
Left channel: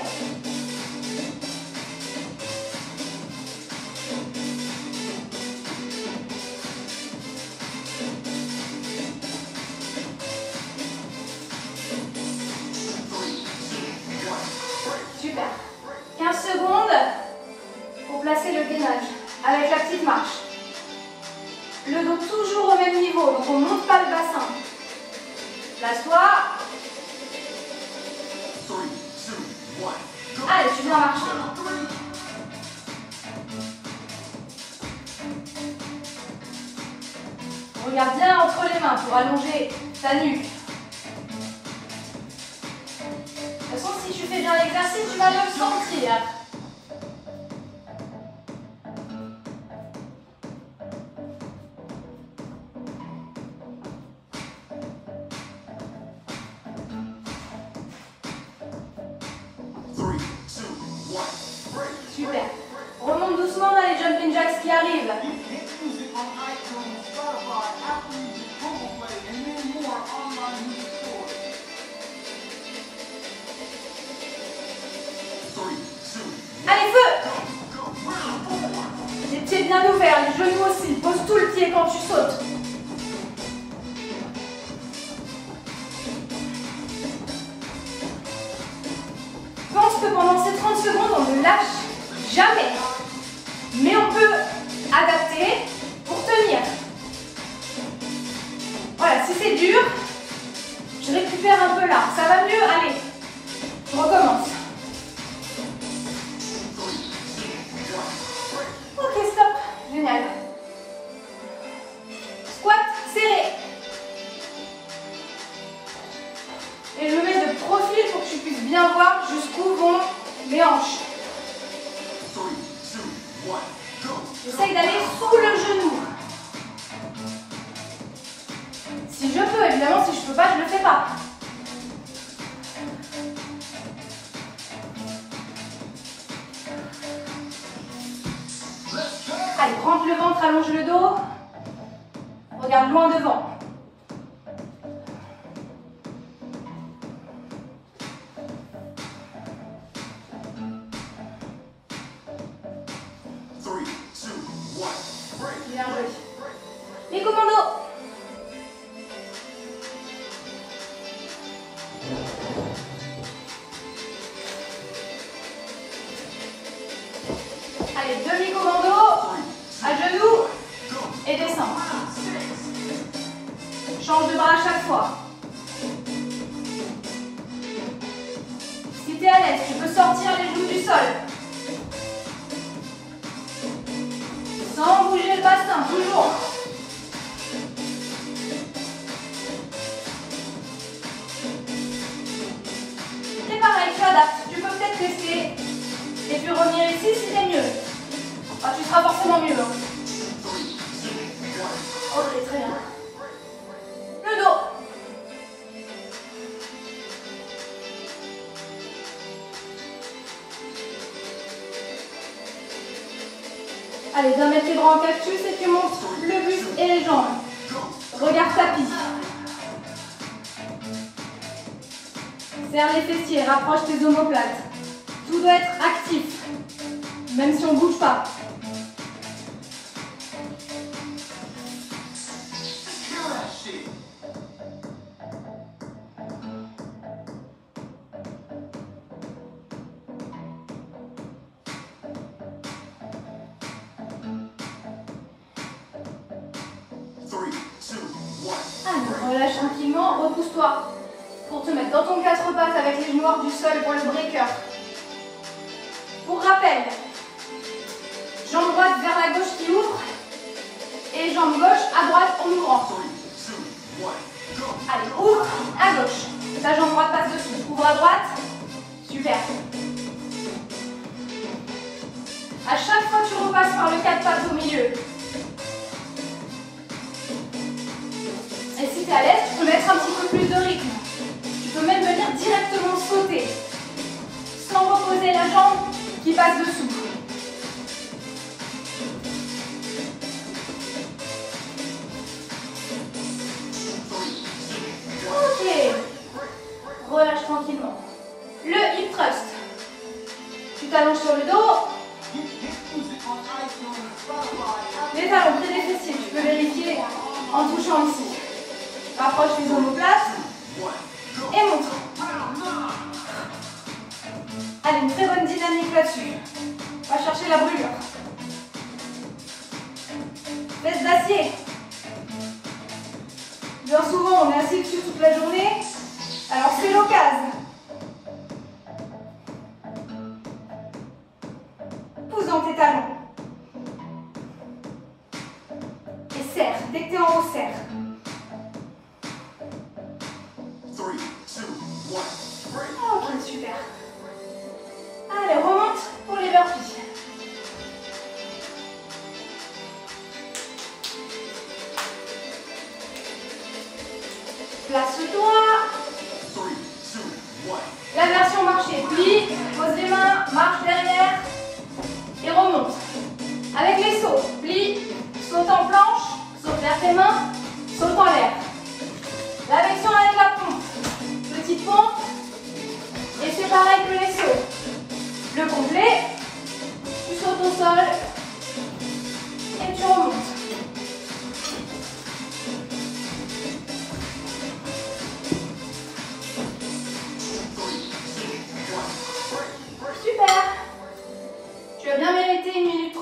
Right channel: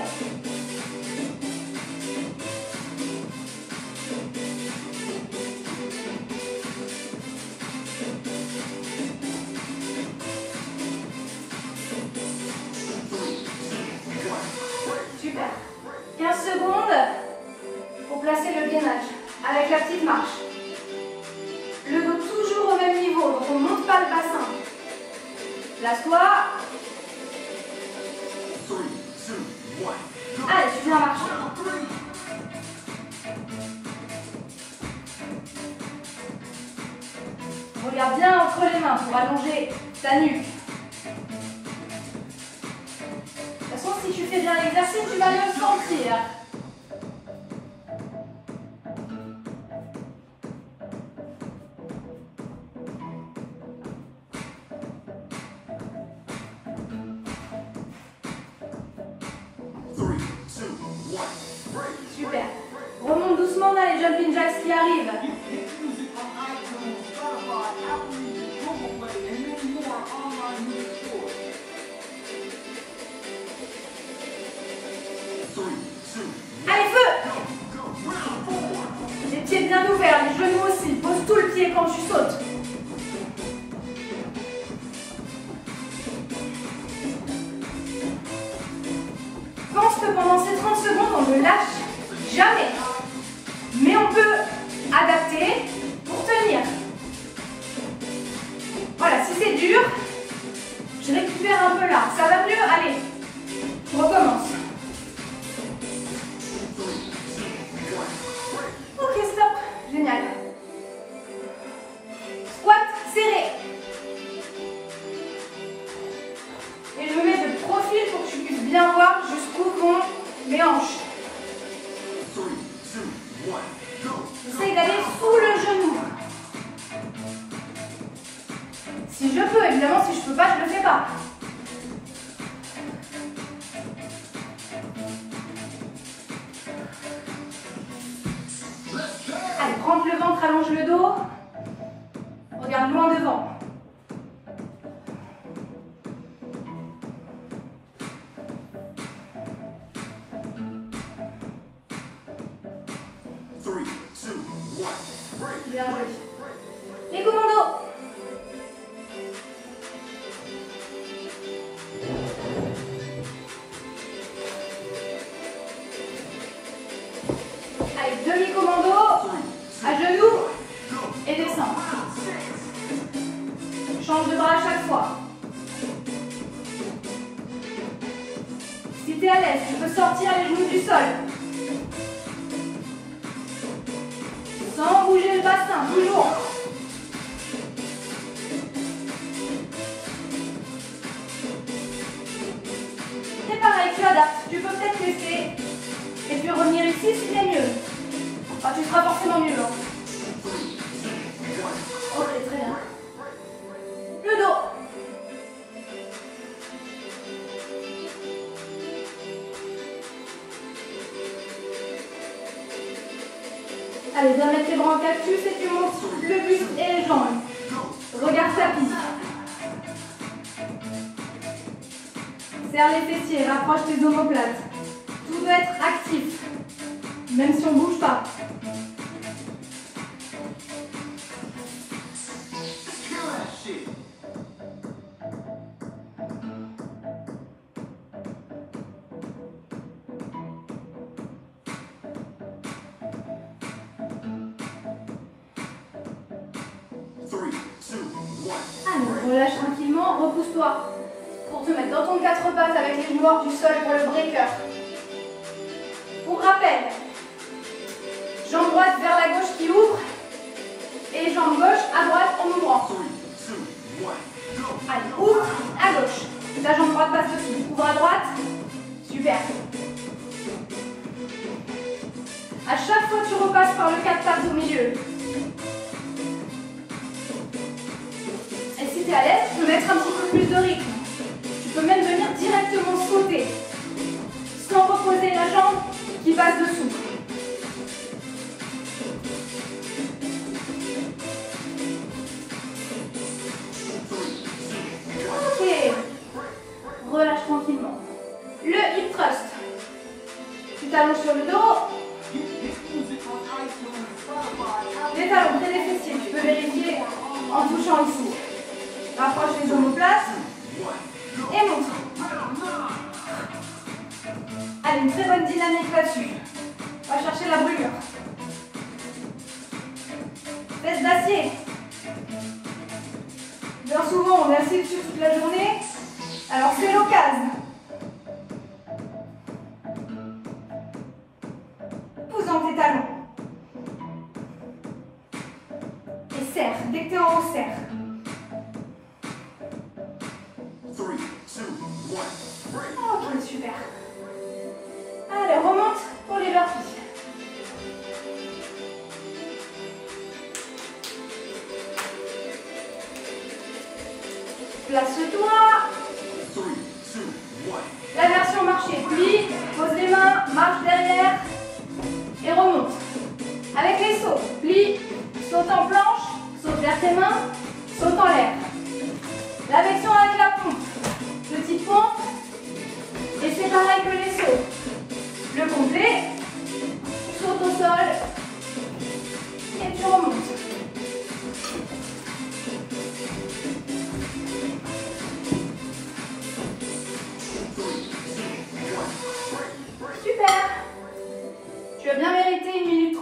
Super. 15 secondes pour placer le gainage avec la petite marche. Le dos toujours au même niveau, donc on ne monte pas le bassin. Place-toi. 3, 2, 1. Allez, tu viens marcher. Regarde bien entre les mains pour allonger ta nuque. De toute façon, si tu fais bien l'exercice, tu vas bien le sentir. arrive. Allez, feu! Les pieds bien ouverts, les genoux aussi. Pose tout le pied quand tu sautes. Pense que pendant ces 30 secondes, on ne lâche jamais. Mais on peut adapter pour tenir. Voilà, si c'est dur, je récupère un peu là. Ça va mieux? Allez, je recommence. Ok, stop. Génial. Squat serré. Et je me mets de profil pour que tu puisses bien voir jusqu'où vont mes hanches. J'essaye d'aller sous le genou. Si je peux, évidemment, si je peux pas, je le fais pas. Allez, rentre le ventre, allonge le dos. Regarde loin devant. Bien joué. Les commandos. Allez, demi-commando. À genoux. Et descends. Change de bras à chaque fois. Si tu es à l'aise, tu peux sortir les genoux du sol. Sans bouger le bassin, toujours. C'est pareil, tu adaptes. Tu peux peut-être rester et puis revenir ici si c'est mieux. Enfin, tu seras forcément mieux. Ok, très bien. Le dos. Allez, viens mettre tes bras en cactus et tu montes le buste et les jambes. Regard tapis. Serre les fessiers, rapproche tes omoplates. Tout doit être actif, même si on ne bouge pas. Allez, relâche tranquillement, repousse-toi pour te mettre dans ton 4 pattes avec les genoux hors du sol pour le breaker. Pour rappel, jambe droite vers la gauche qui ouvre et jambe gauche à droite en ouvrant. Allez, ouvre à gauche. Ta jambe droite passe dessus. Ouvre à droite. Super. À chaque fois, tu repasses par le 4 pattes au milieu. Et si tu es à l'aise, tu peux mettre un petit peu plus de rythme. Tu peux même venir directement sauter, sans reposer la jambe qui passe dessous. Ok. Relâche tranquillement. Le hip thrust. Tu t'allonges sur le dos. Les talons près des fessiers, tu peux vérifier en touchant ici. Rapproche les omoplates et monte. Allez, une très bonne dynamique là-dessus. On va chercher la brûlure. Fesses d'acier. Bien souvent, on est assis dessus toute la journée. Alors, c'est l'occasion. Pousse dans tes talons. Et serre. Dès que tu es en haut, serre. Ok, super. Allez, remonte pour les burpees. Place-toi. La version marché. Plie, pose les mains, marche derrière et remonte. Avec les sauts, plie.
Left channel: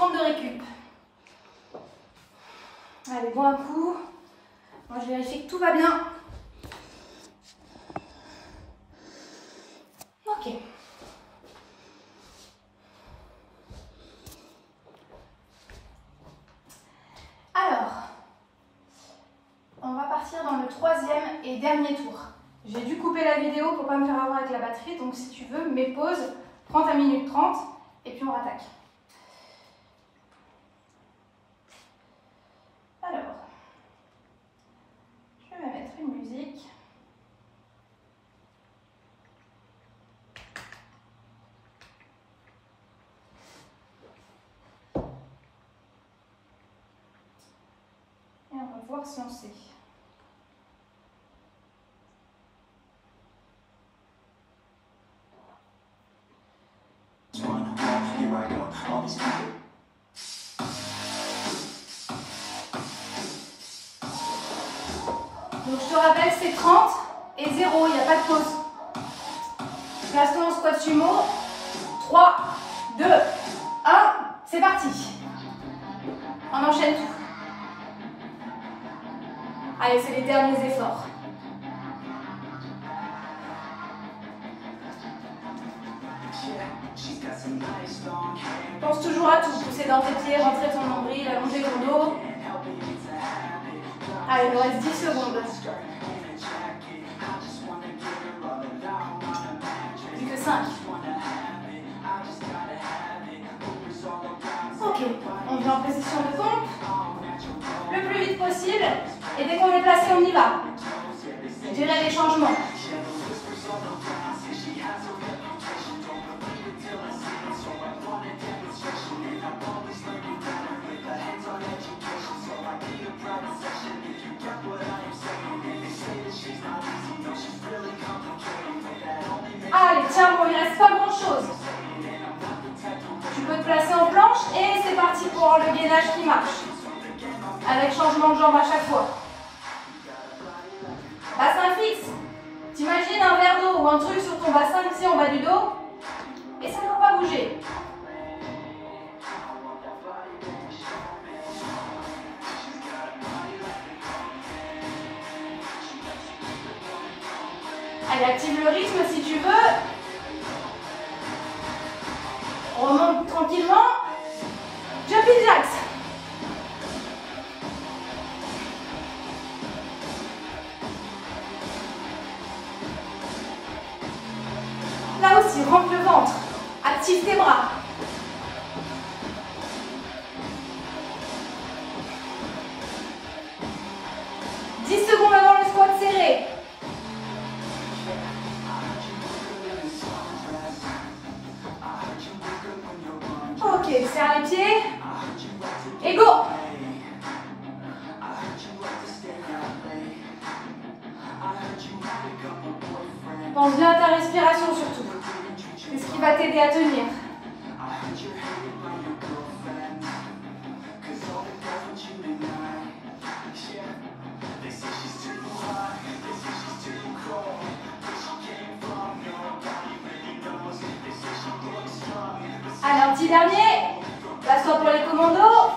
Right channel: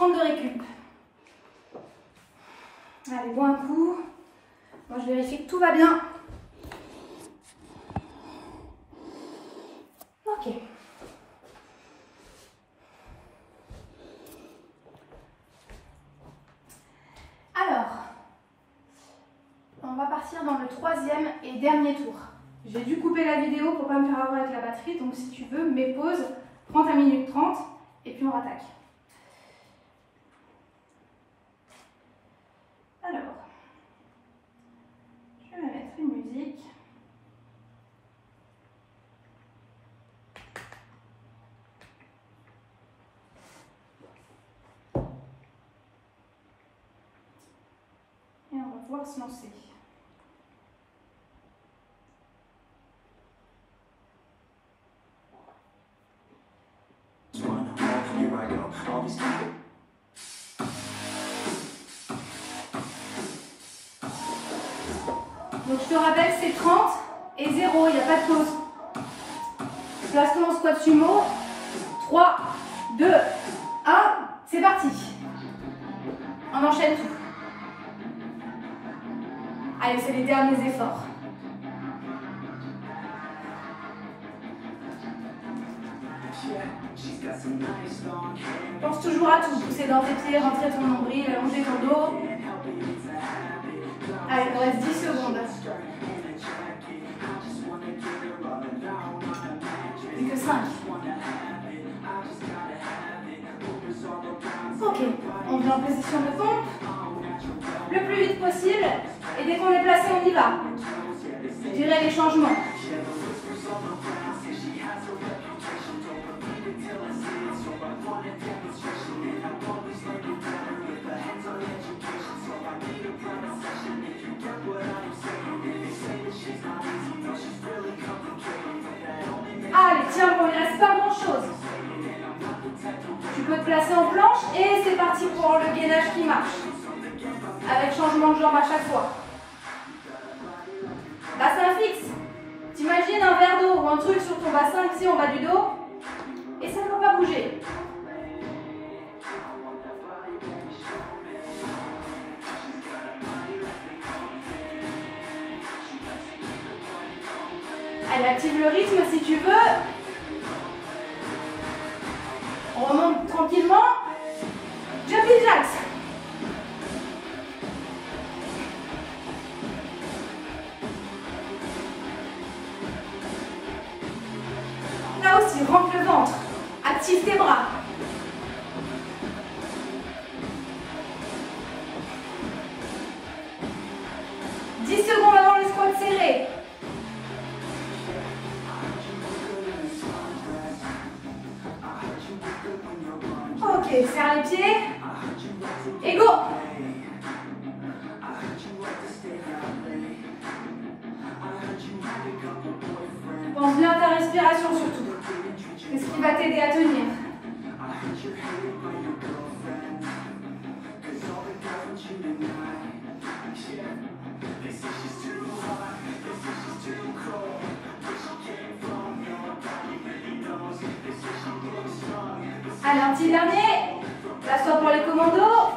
30 de récup. Allez, bois un coup. Moi, je vérifie que tout va bien. Ok. Alors, on va partir dans le troisième et dernier tour. J'ai dû couper la vidéo pour ne pas me faire avoir avec la batterie, donc si tu veux, mets pause, prends ta minute 30 et puis on rattaque. Alors, je vais me mettre une musique. Et on va pouvoir se lancer. Donc je te rappelle, c'est 30 et 0, il n'y a pas de pause. Place-toi en squat sumo. 3, 2, 1, c'est parti. On enchaîne tout. Allez, c'est les derniers efforts. Pense toujours à tout. Pousser dans tes pieds, rentrer ton nombril, allonger ton dos. Allez, il nous reste 10 secondes. Plus que 5. Ok, on vient en position de pompe. Le plus vite possible. Et dès qu'on est placé, on y va. Je dirais les changements. Allez, tiens, bon, il ne reste pas grand-chose. Tu peux te placer en planche et c'est parti pour le gainage qui marche. Avec changement de jambe à chaque fois. Bassin fixe. T'imagines un verre d'eau ou un truc sur ton bassin ici en bas du dos et ça ne doit pas bouger. Allez, active le rythme si tu veux. On remonte tranquillement. Jumping jacks. Là aussi, rentre le ventre. Active tes bras. « 10 secondes avant le squat serré. Ok, serre les pieds. Et go! Pense bien à ta respiration surtout. C'est ce qui va t'aider à tenir. Allez, un petit dernier. Place-toi pour les commandos.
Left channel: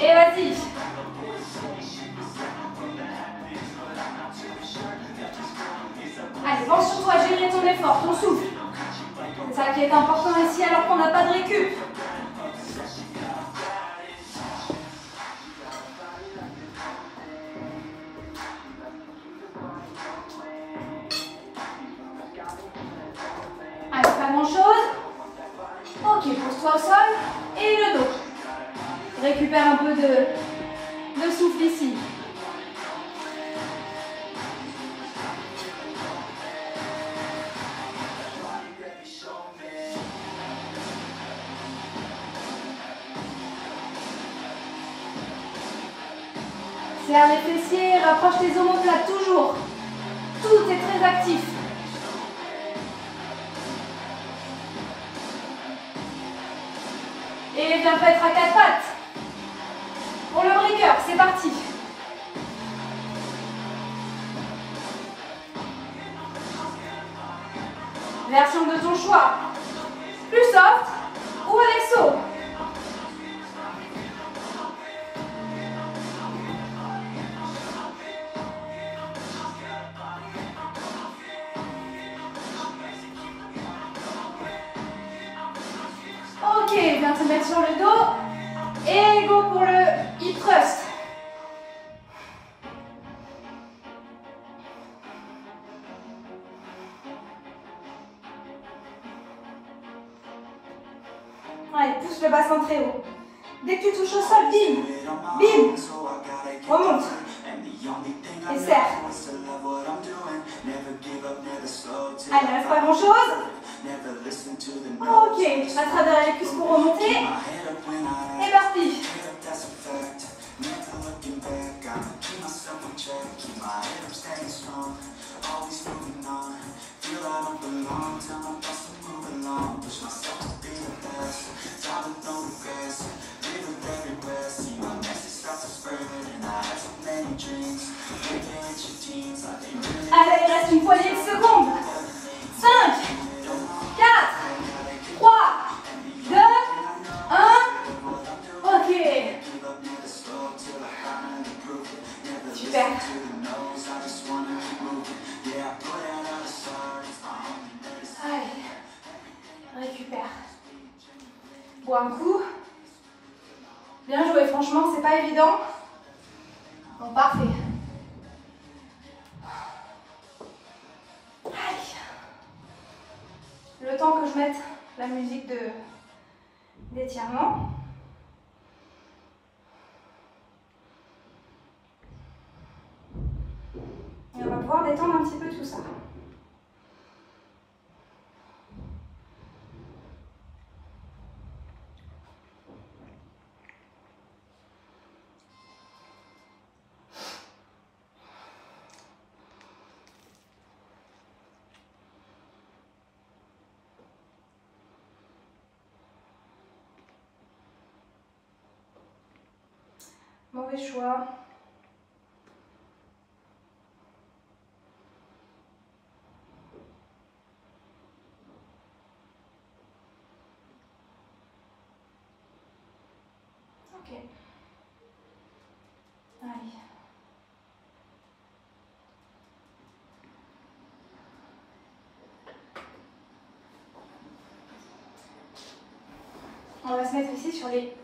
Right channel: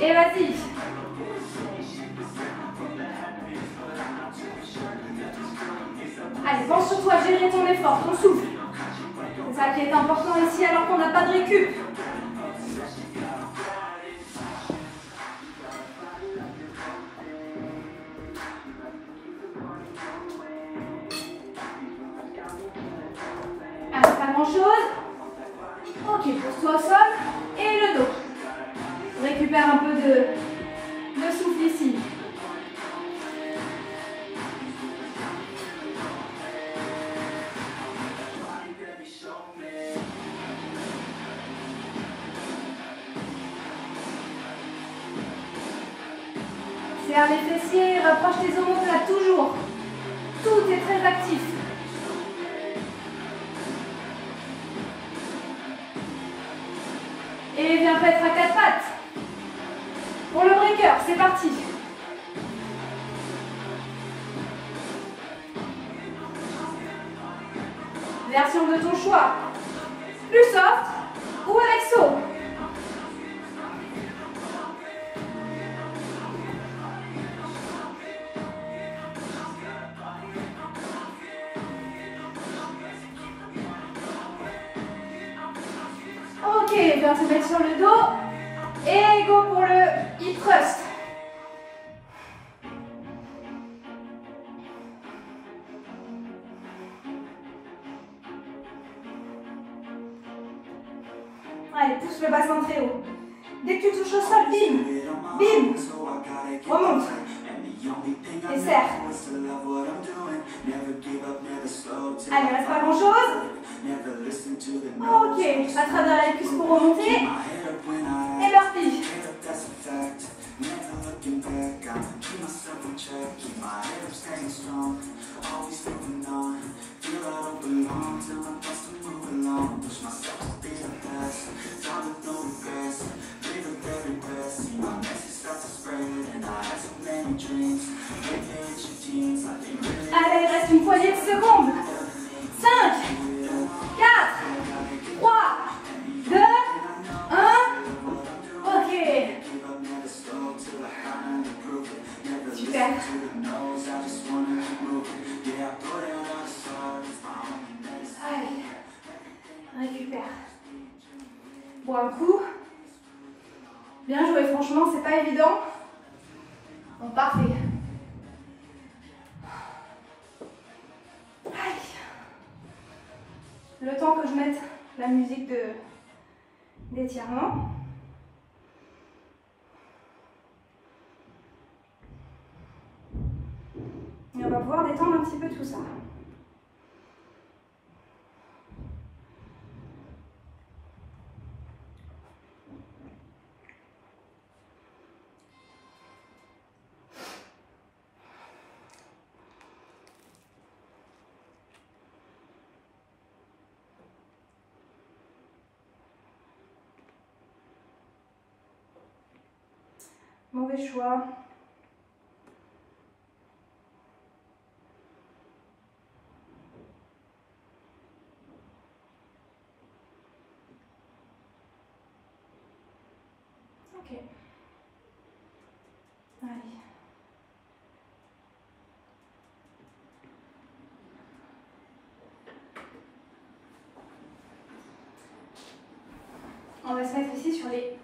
Et vas-y. Allez, pense surtout à gérer ton effort, ton souffle. C'est ça qui est important ici alors qu'on n'a pas de récup. Allez, pas grand-chose. Ok, pose-toi au sol et le dos. Récupère un peu de souffle ici. Serre les fessiers, rapproche tes omoplates toujours. Tout est très actif. Et viens mettre à 4 pattes. Pour le breaker, c'est parti. Version de ton choix. Plus soft ou avec saut. viens te mettre sur le dos. Et go pour le hip thrust. Allez, pousse le bassin très haut. Dès que tu touches au sol, bim, bim, remonte. Et serre. Allez, il reste pas grand chose. Ok, à travers les cuisses pour remonter. Et burpee. Allez, il reste une poignée de secondes. 5, 4, 3, 2, 1. Ok. Super. Allez, récupère. Bon, un coup. Bien joué, franchement, c'est pas évident. Bon, parfait. Allez. Le temps que je mette la musique d'étirement. Et on va pouvoir détendre un petit peu tout ça. Mauvais choix. Ok. Allez. On va se mettre ici sur les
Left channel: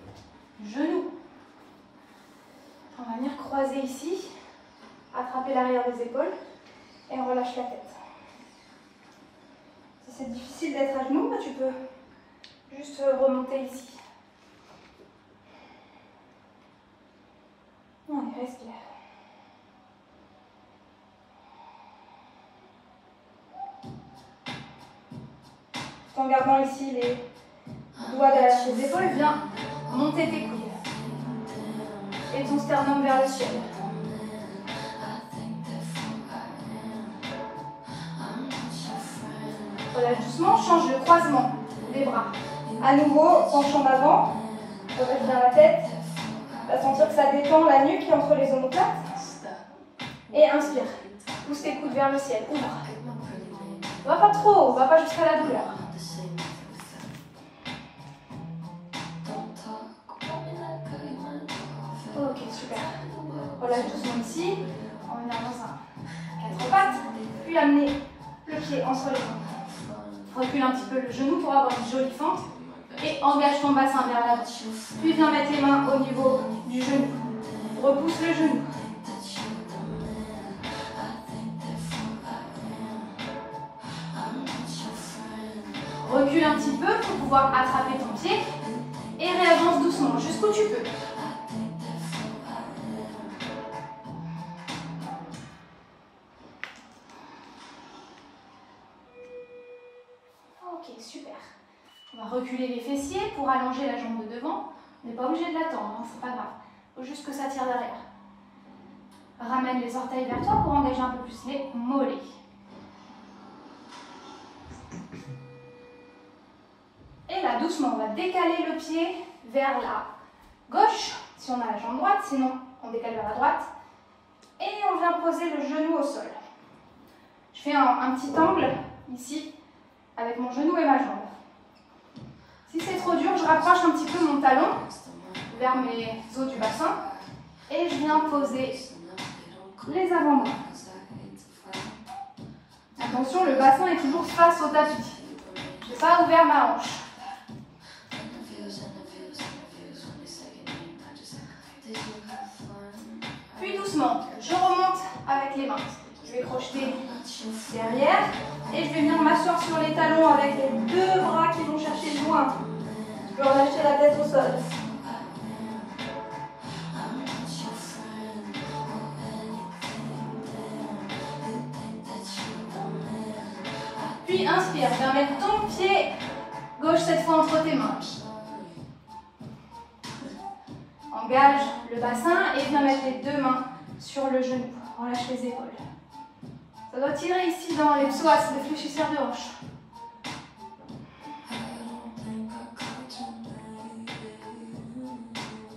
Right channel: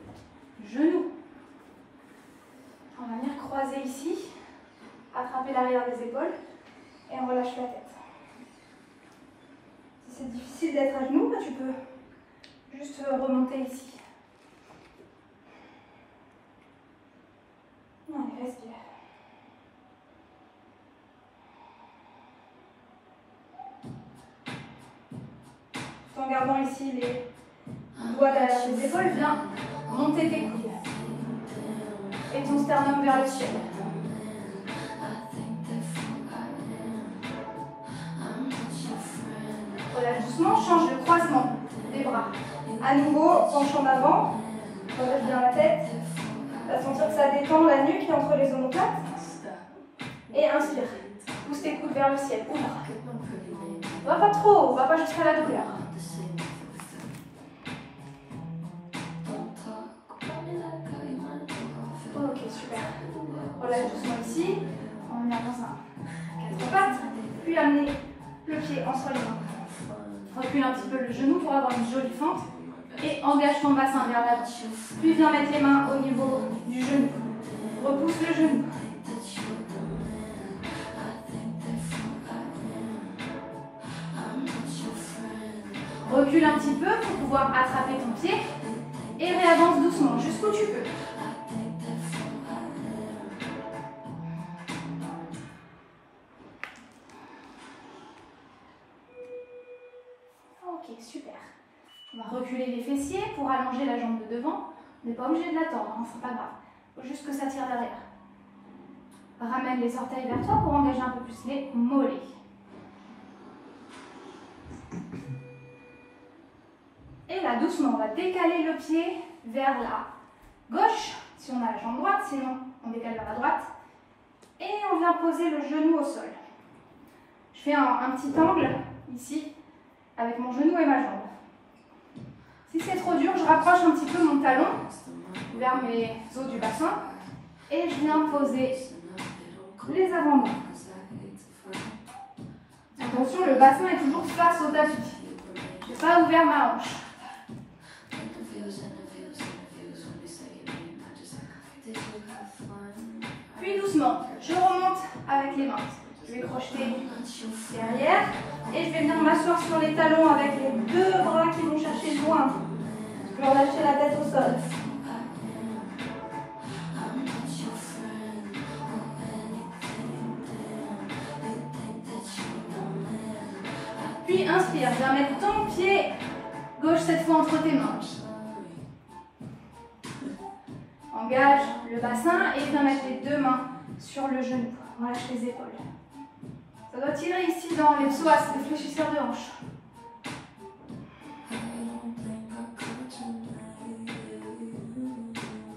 genoux. On va venir croiser ici, attraper l'arrière des épaules et on relâche la tête. Si c'est difficile d'être à genoux, tu peux juste remonter ici. Allez, respire. Tout en gardant ici les doigts derrière les épaules, viens monter tes coudes. Et ton sternum vers le ciel. Relâche doucement, change le croisement des bras. À nouveau, penche en avant, relâche bien la tête. Tu vas sentir que ça détend la nuque qui est entre les omoplates. Et inspire. Pousse tes coudes vers le ciel. Ouvre. Va pas trop, va pas jusqu'à la douleur. Ok, super. Relâche doucement ici. On va venir dans un 4 pattes. Puis amener le pied entre les jambes. Recule un petit peu le genou pour avoir une jolie fente. Et engage ton bassin vers l'avant. Puis viens mettre les mains au niveau du genou. Repousse le genou. Recule un petit peu pour pouvoir attraper ton pied. Et réavance doucement jusqu'où tu peux. Ok, super. On va reculer les fessiers pour allonger la jambe de devant. On n'est pas obligé de l'attendre, hein, c'est pas grave. Il faut juste que ça tire derrière. Ramène les orteils vers toi pour engager un peu plus les mollets. Et là, doucement, on va décaler le pied vers la gauche, si on a la jambe droite, sinon on décale vers la droite. Et on vient poser le genou au sol. Je fais un petit angle ici, avec mon genou et ma jambe. Si c'est trop dur, je rapproche un petit peu mon talon vers mes os du bassin et je viens poser les avant-bras. Attention, le bassin est toujours face au tapis. Je n'ai pas ouvert ma hanche. doucement, je remonte avec les mains. Je vais crocheter derrière et je vais venir m'asseoir sur les talons avec les deux bras qui vont chercher loin. Je peux relâcher la tête au sol. Puis inspire, viens mettre ton pied gauche cette fois entre tes mains. Engage le bassin et viens mettre les deux mains sur le genou. Relâche les épaules. Ça doit tirer ici dans les psoas, les fléchisseurs de hanche.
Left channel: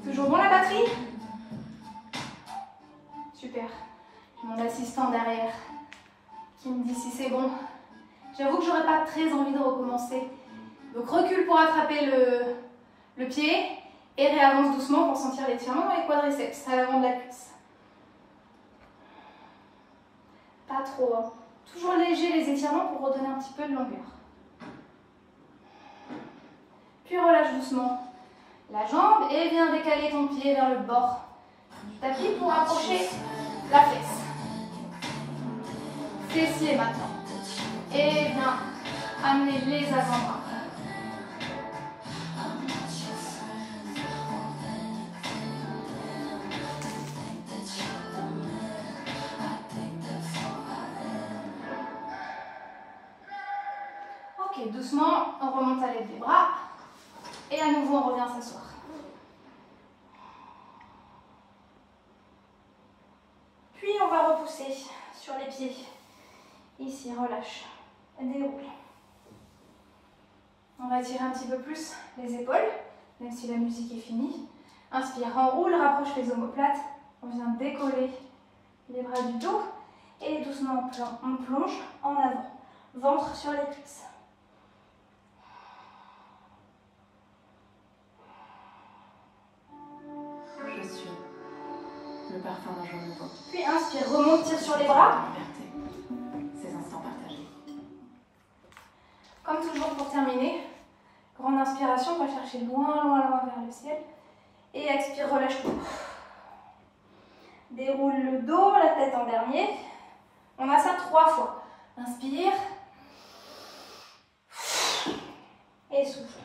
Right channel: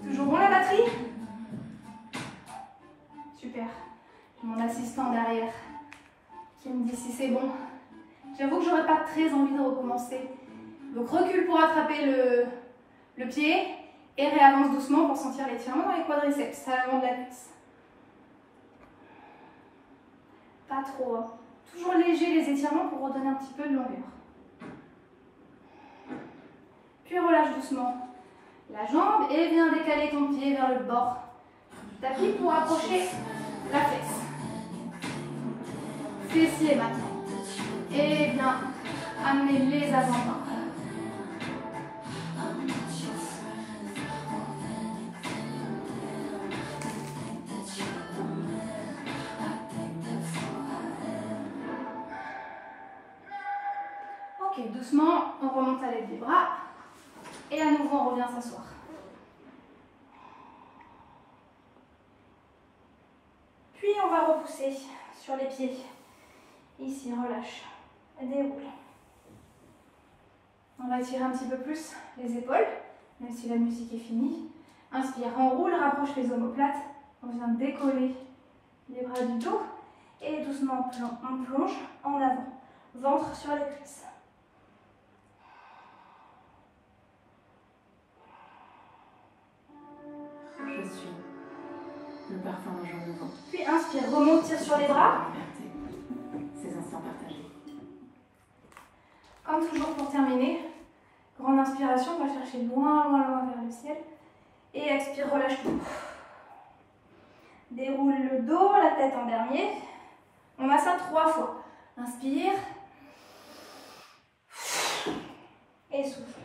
Toujours bon la batterie? Super. J'ai mon assistant derrière qui me dit si c'est bon. J'avoue que j'aurais pas très envie de recommencer. Donc recule pour attraper le pied et réavance doucement pour sentir l'étirement dans les quadriceps à l'avant de la cuisse. Pas trop, hein. Toujours léger les étirements pour redonner un petit peu de longueur. Puis relâche doucement la jambe et viens décaler ton pied vers le bord du tapis pour approcher la fesse. Fessier maintenant. Et viens amener les avant-bras. Ok, doucement, on remonte à l'aide des bras. Et à nouveau, on revient s'asseoir. Puis, on va repousser sur les pieds. Ici, relâche. Déroule. On va étirer un petit peu plus les épaules, même si la musique est finie. Inspire, enroule, rapproche les omoplates. On vient décoller les bras du dos. Et doucement, on plonge en avant. Ventre sur les cuisses. Je suis le parfum d'un jour nouveau. Puis inspire, remonte, tire sur les bras. Ces instants partagés. Comme toujours pour terminer, grande inspiration, on va chercher loin, loin, loin vers le ciel. Et expire, relâche tout. Déroule le dos, la tête en dernier. On a ça 3 fois. Inspire. Et souffle.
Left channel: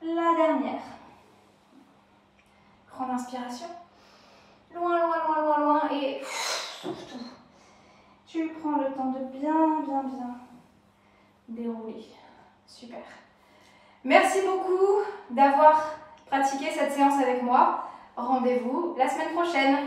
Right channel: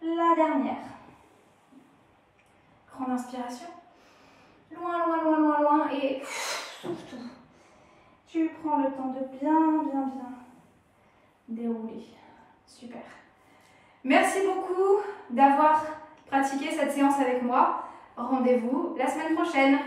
La dernière. Grande inspiration. Loin, loin, loin, loin, loin. Et souffle tout. Tu prends le temps de bien, bien, bien dérouler. Super. Merci beaucoup d'avoir pratiqué cette séance avec moi. Rendez-vous la semaine prochaine.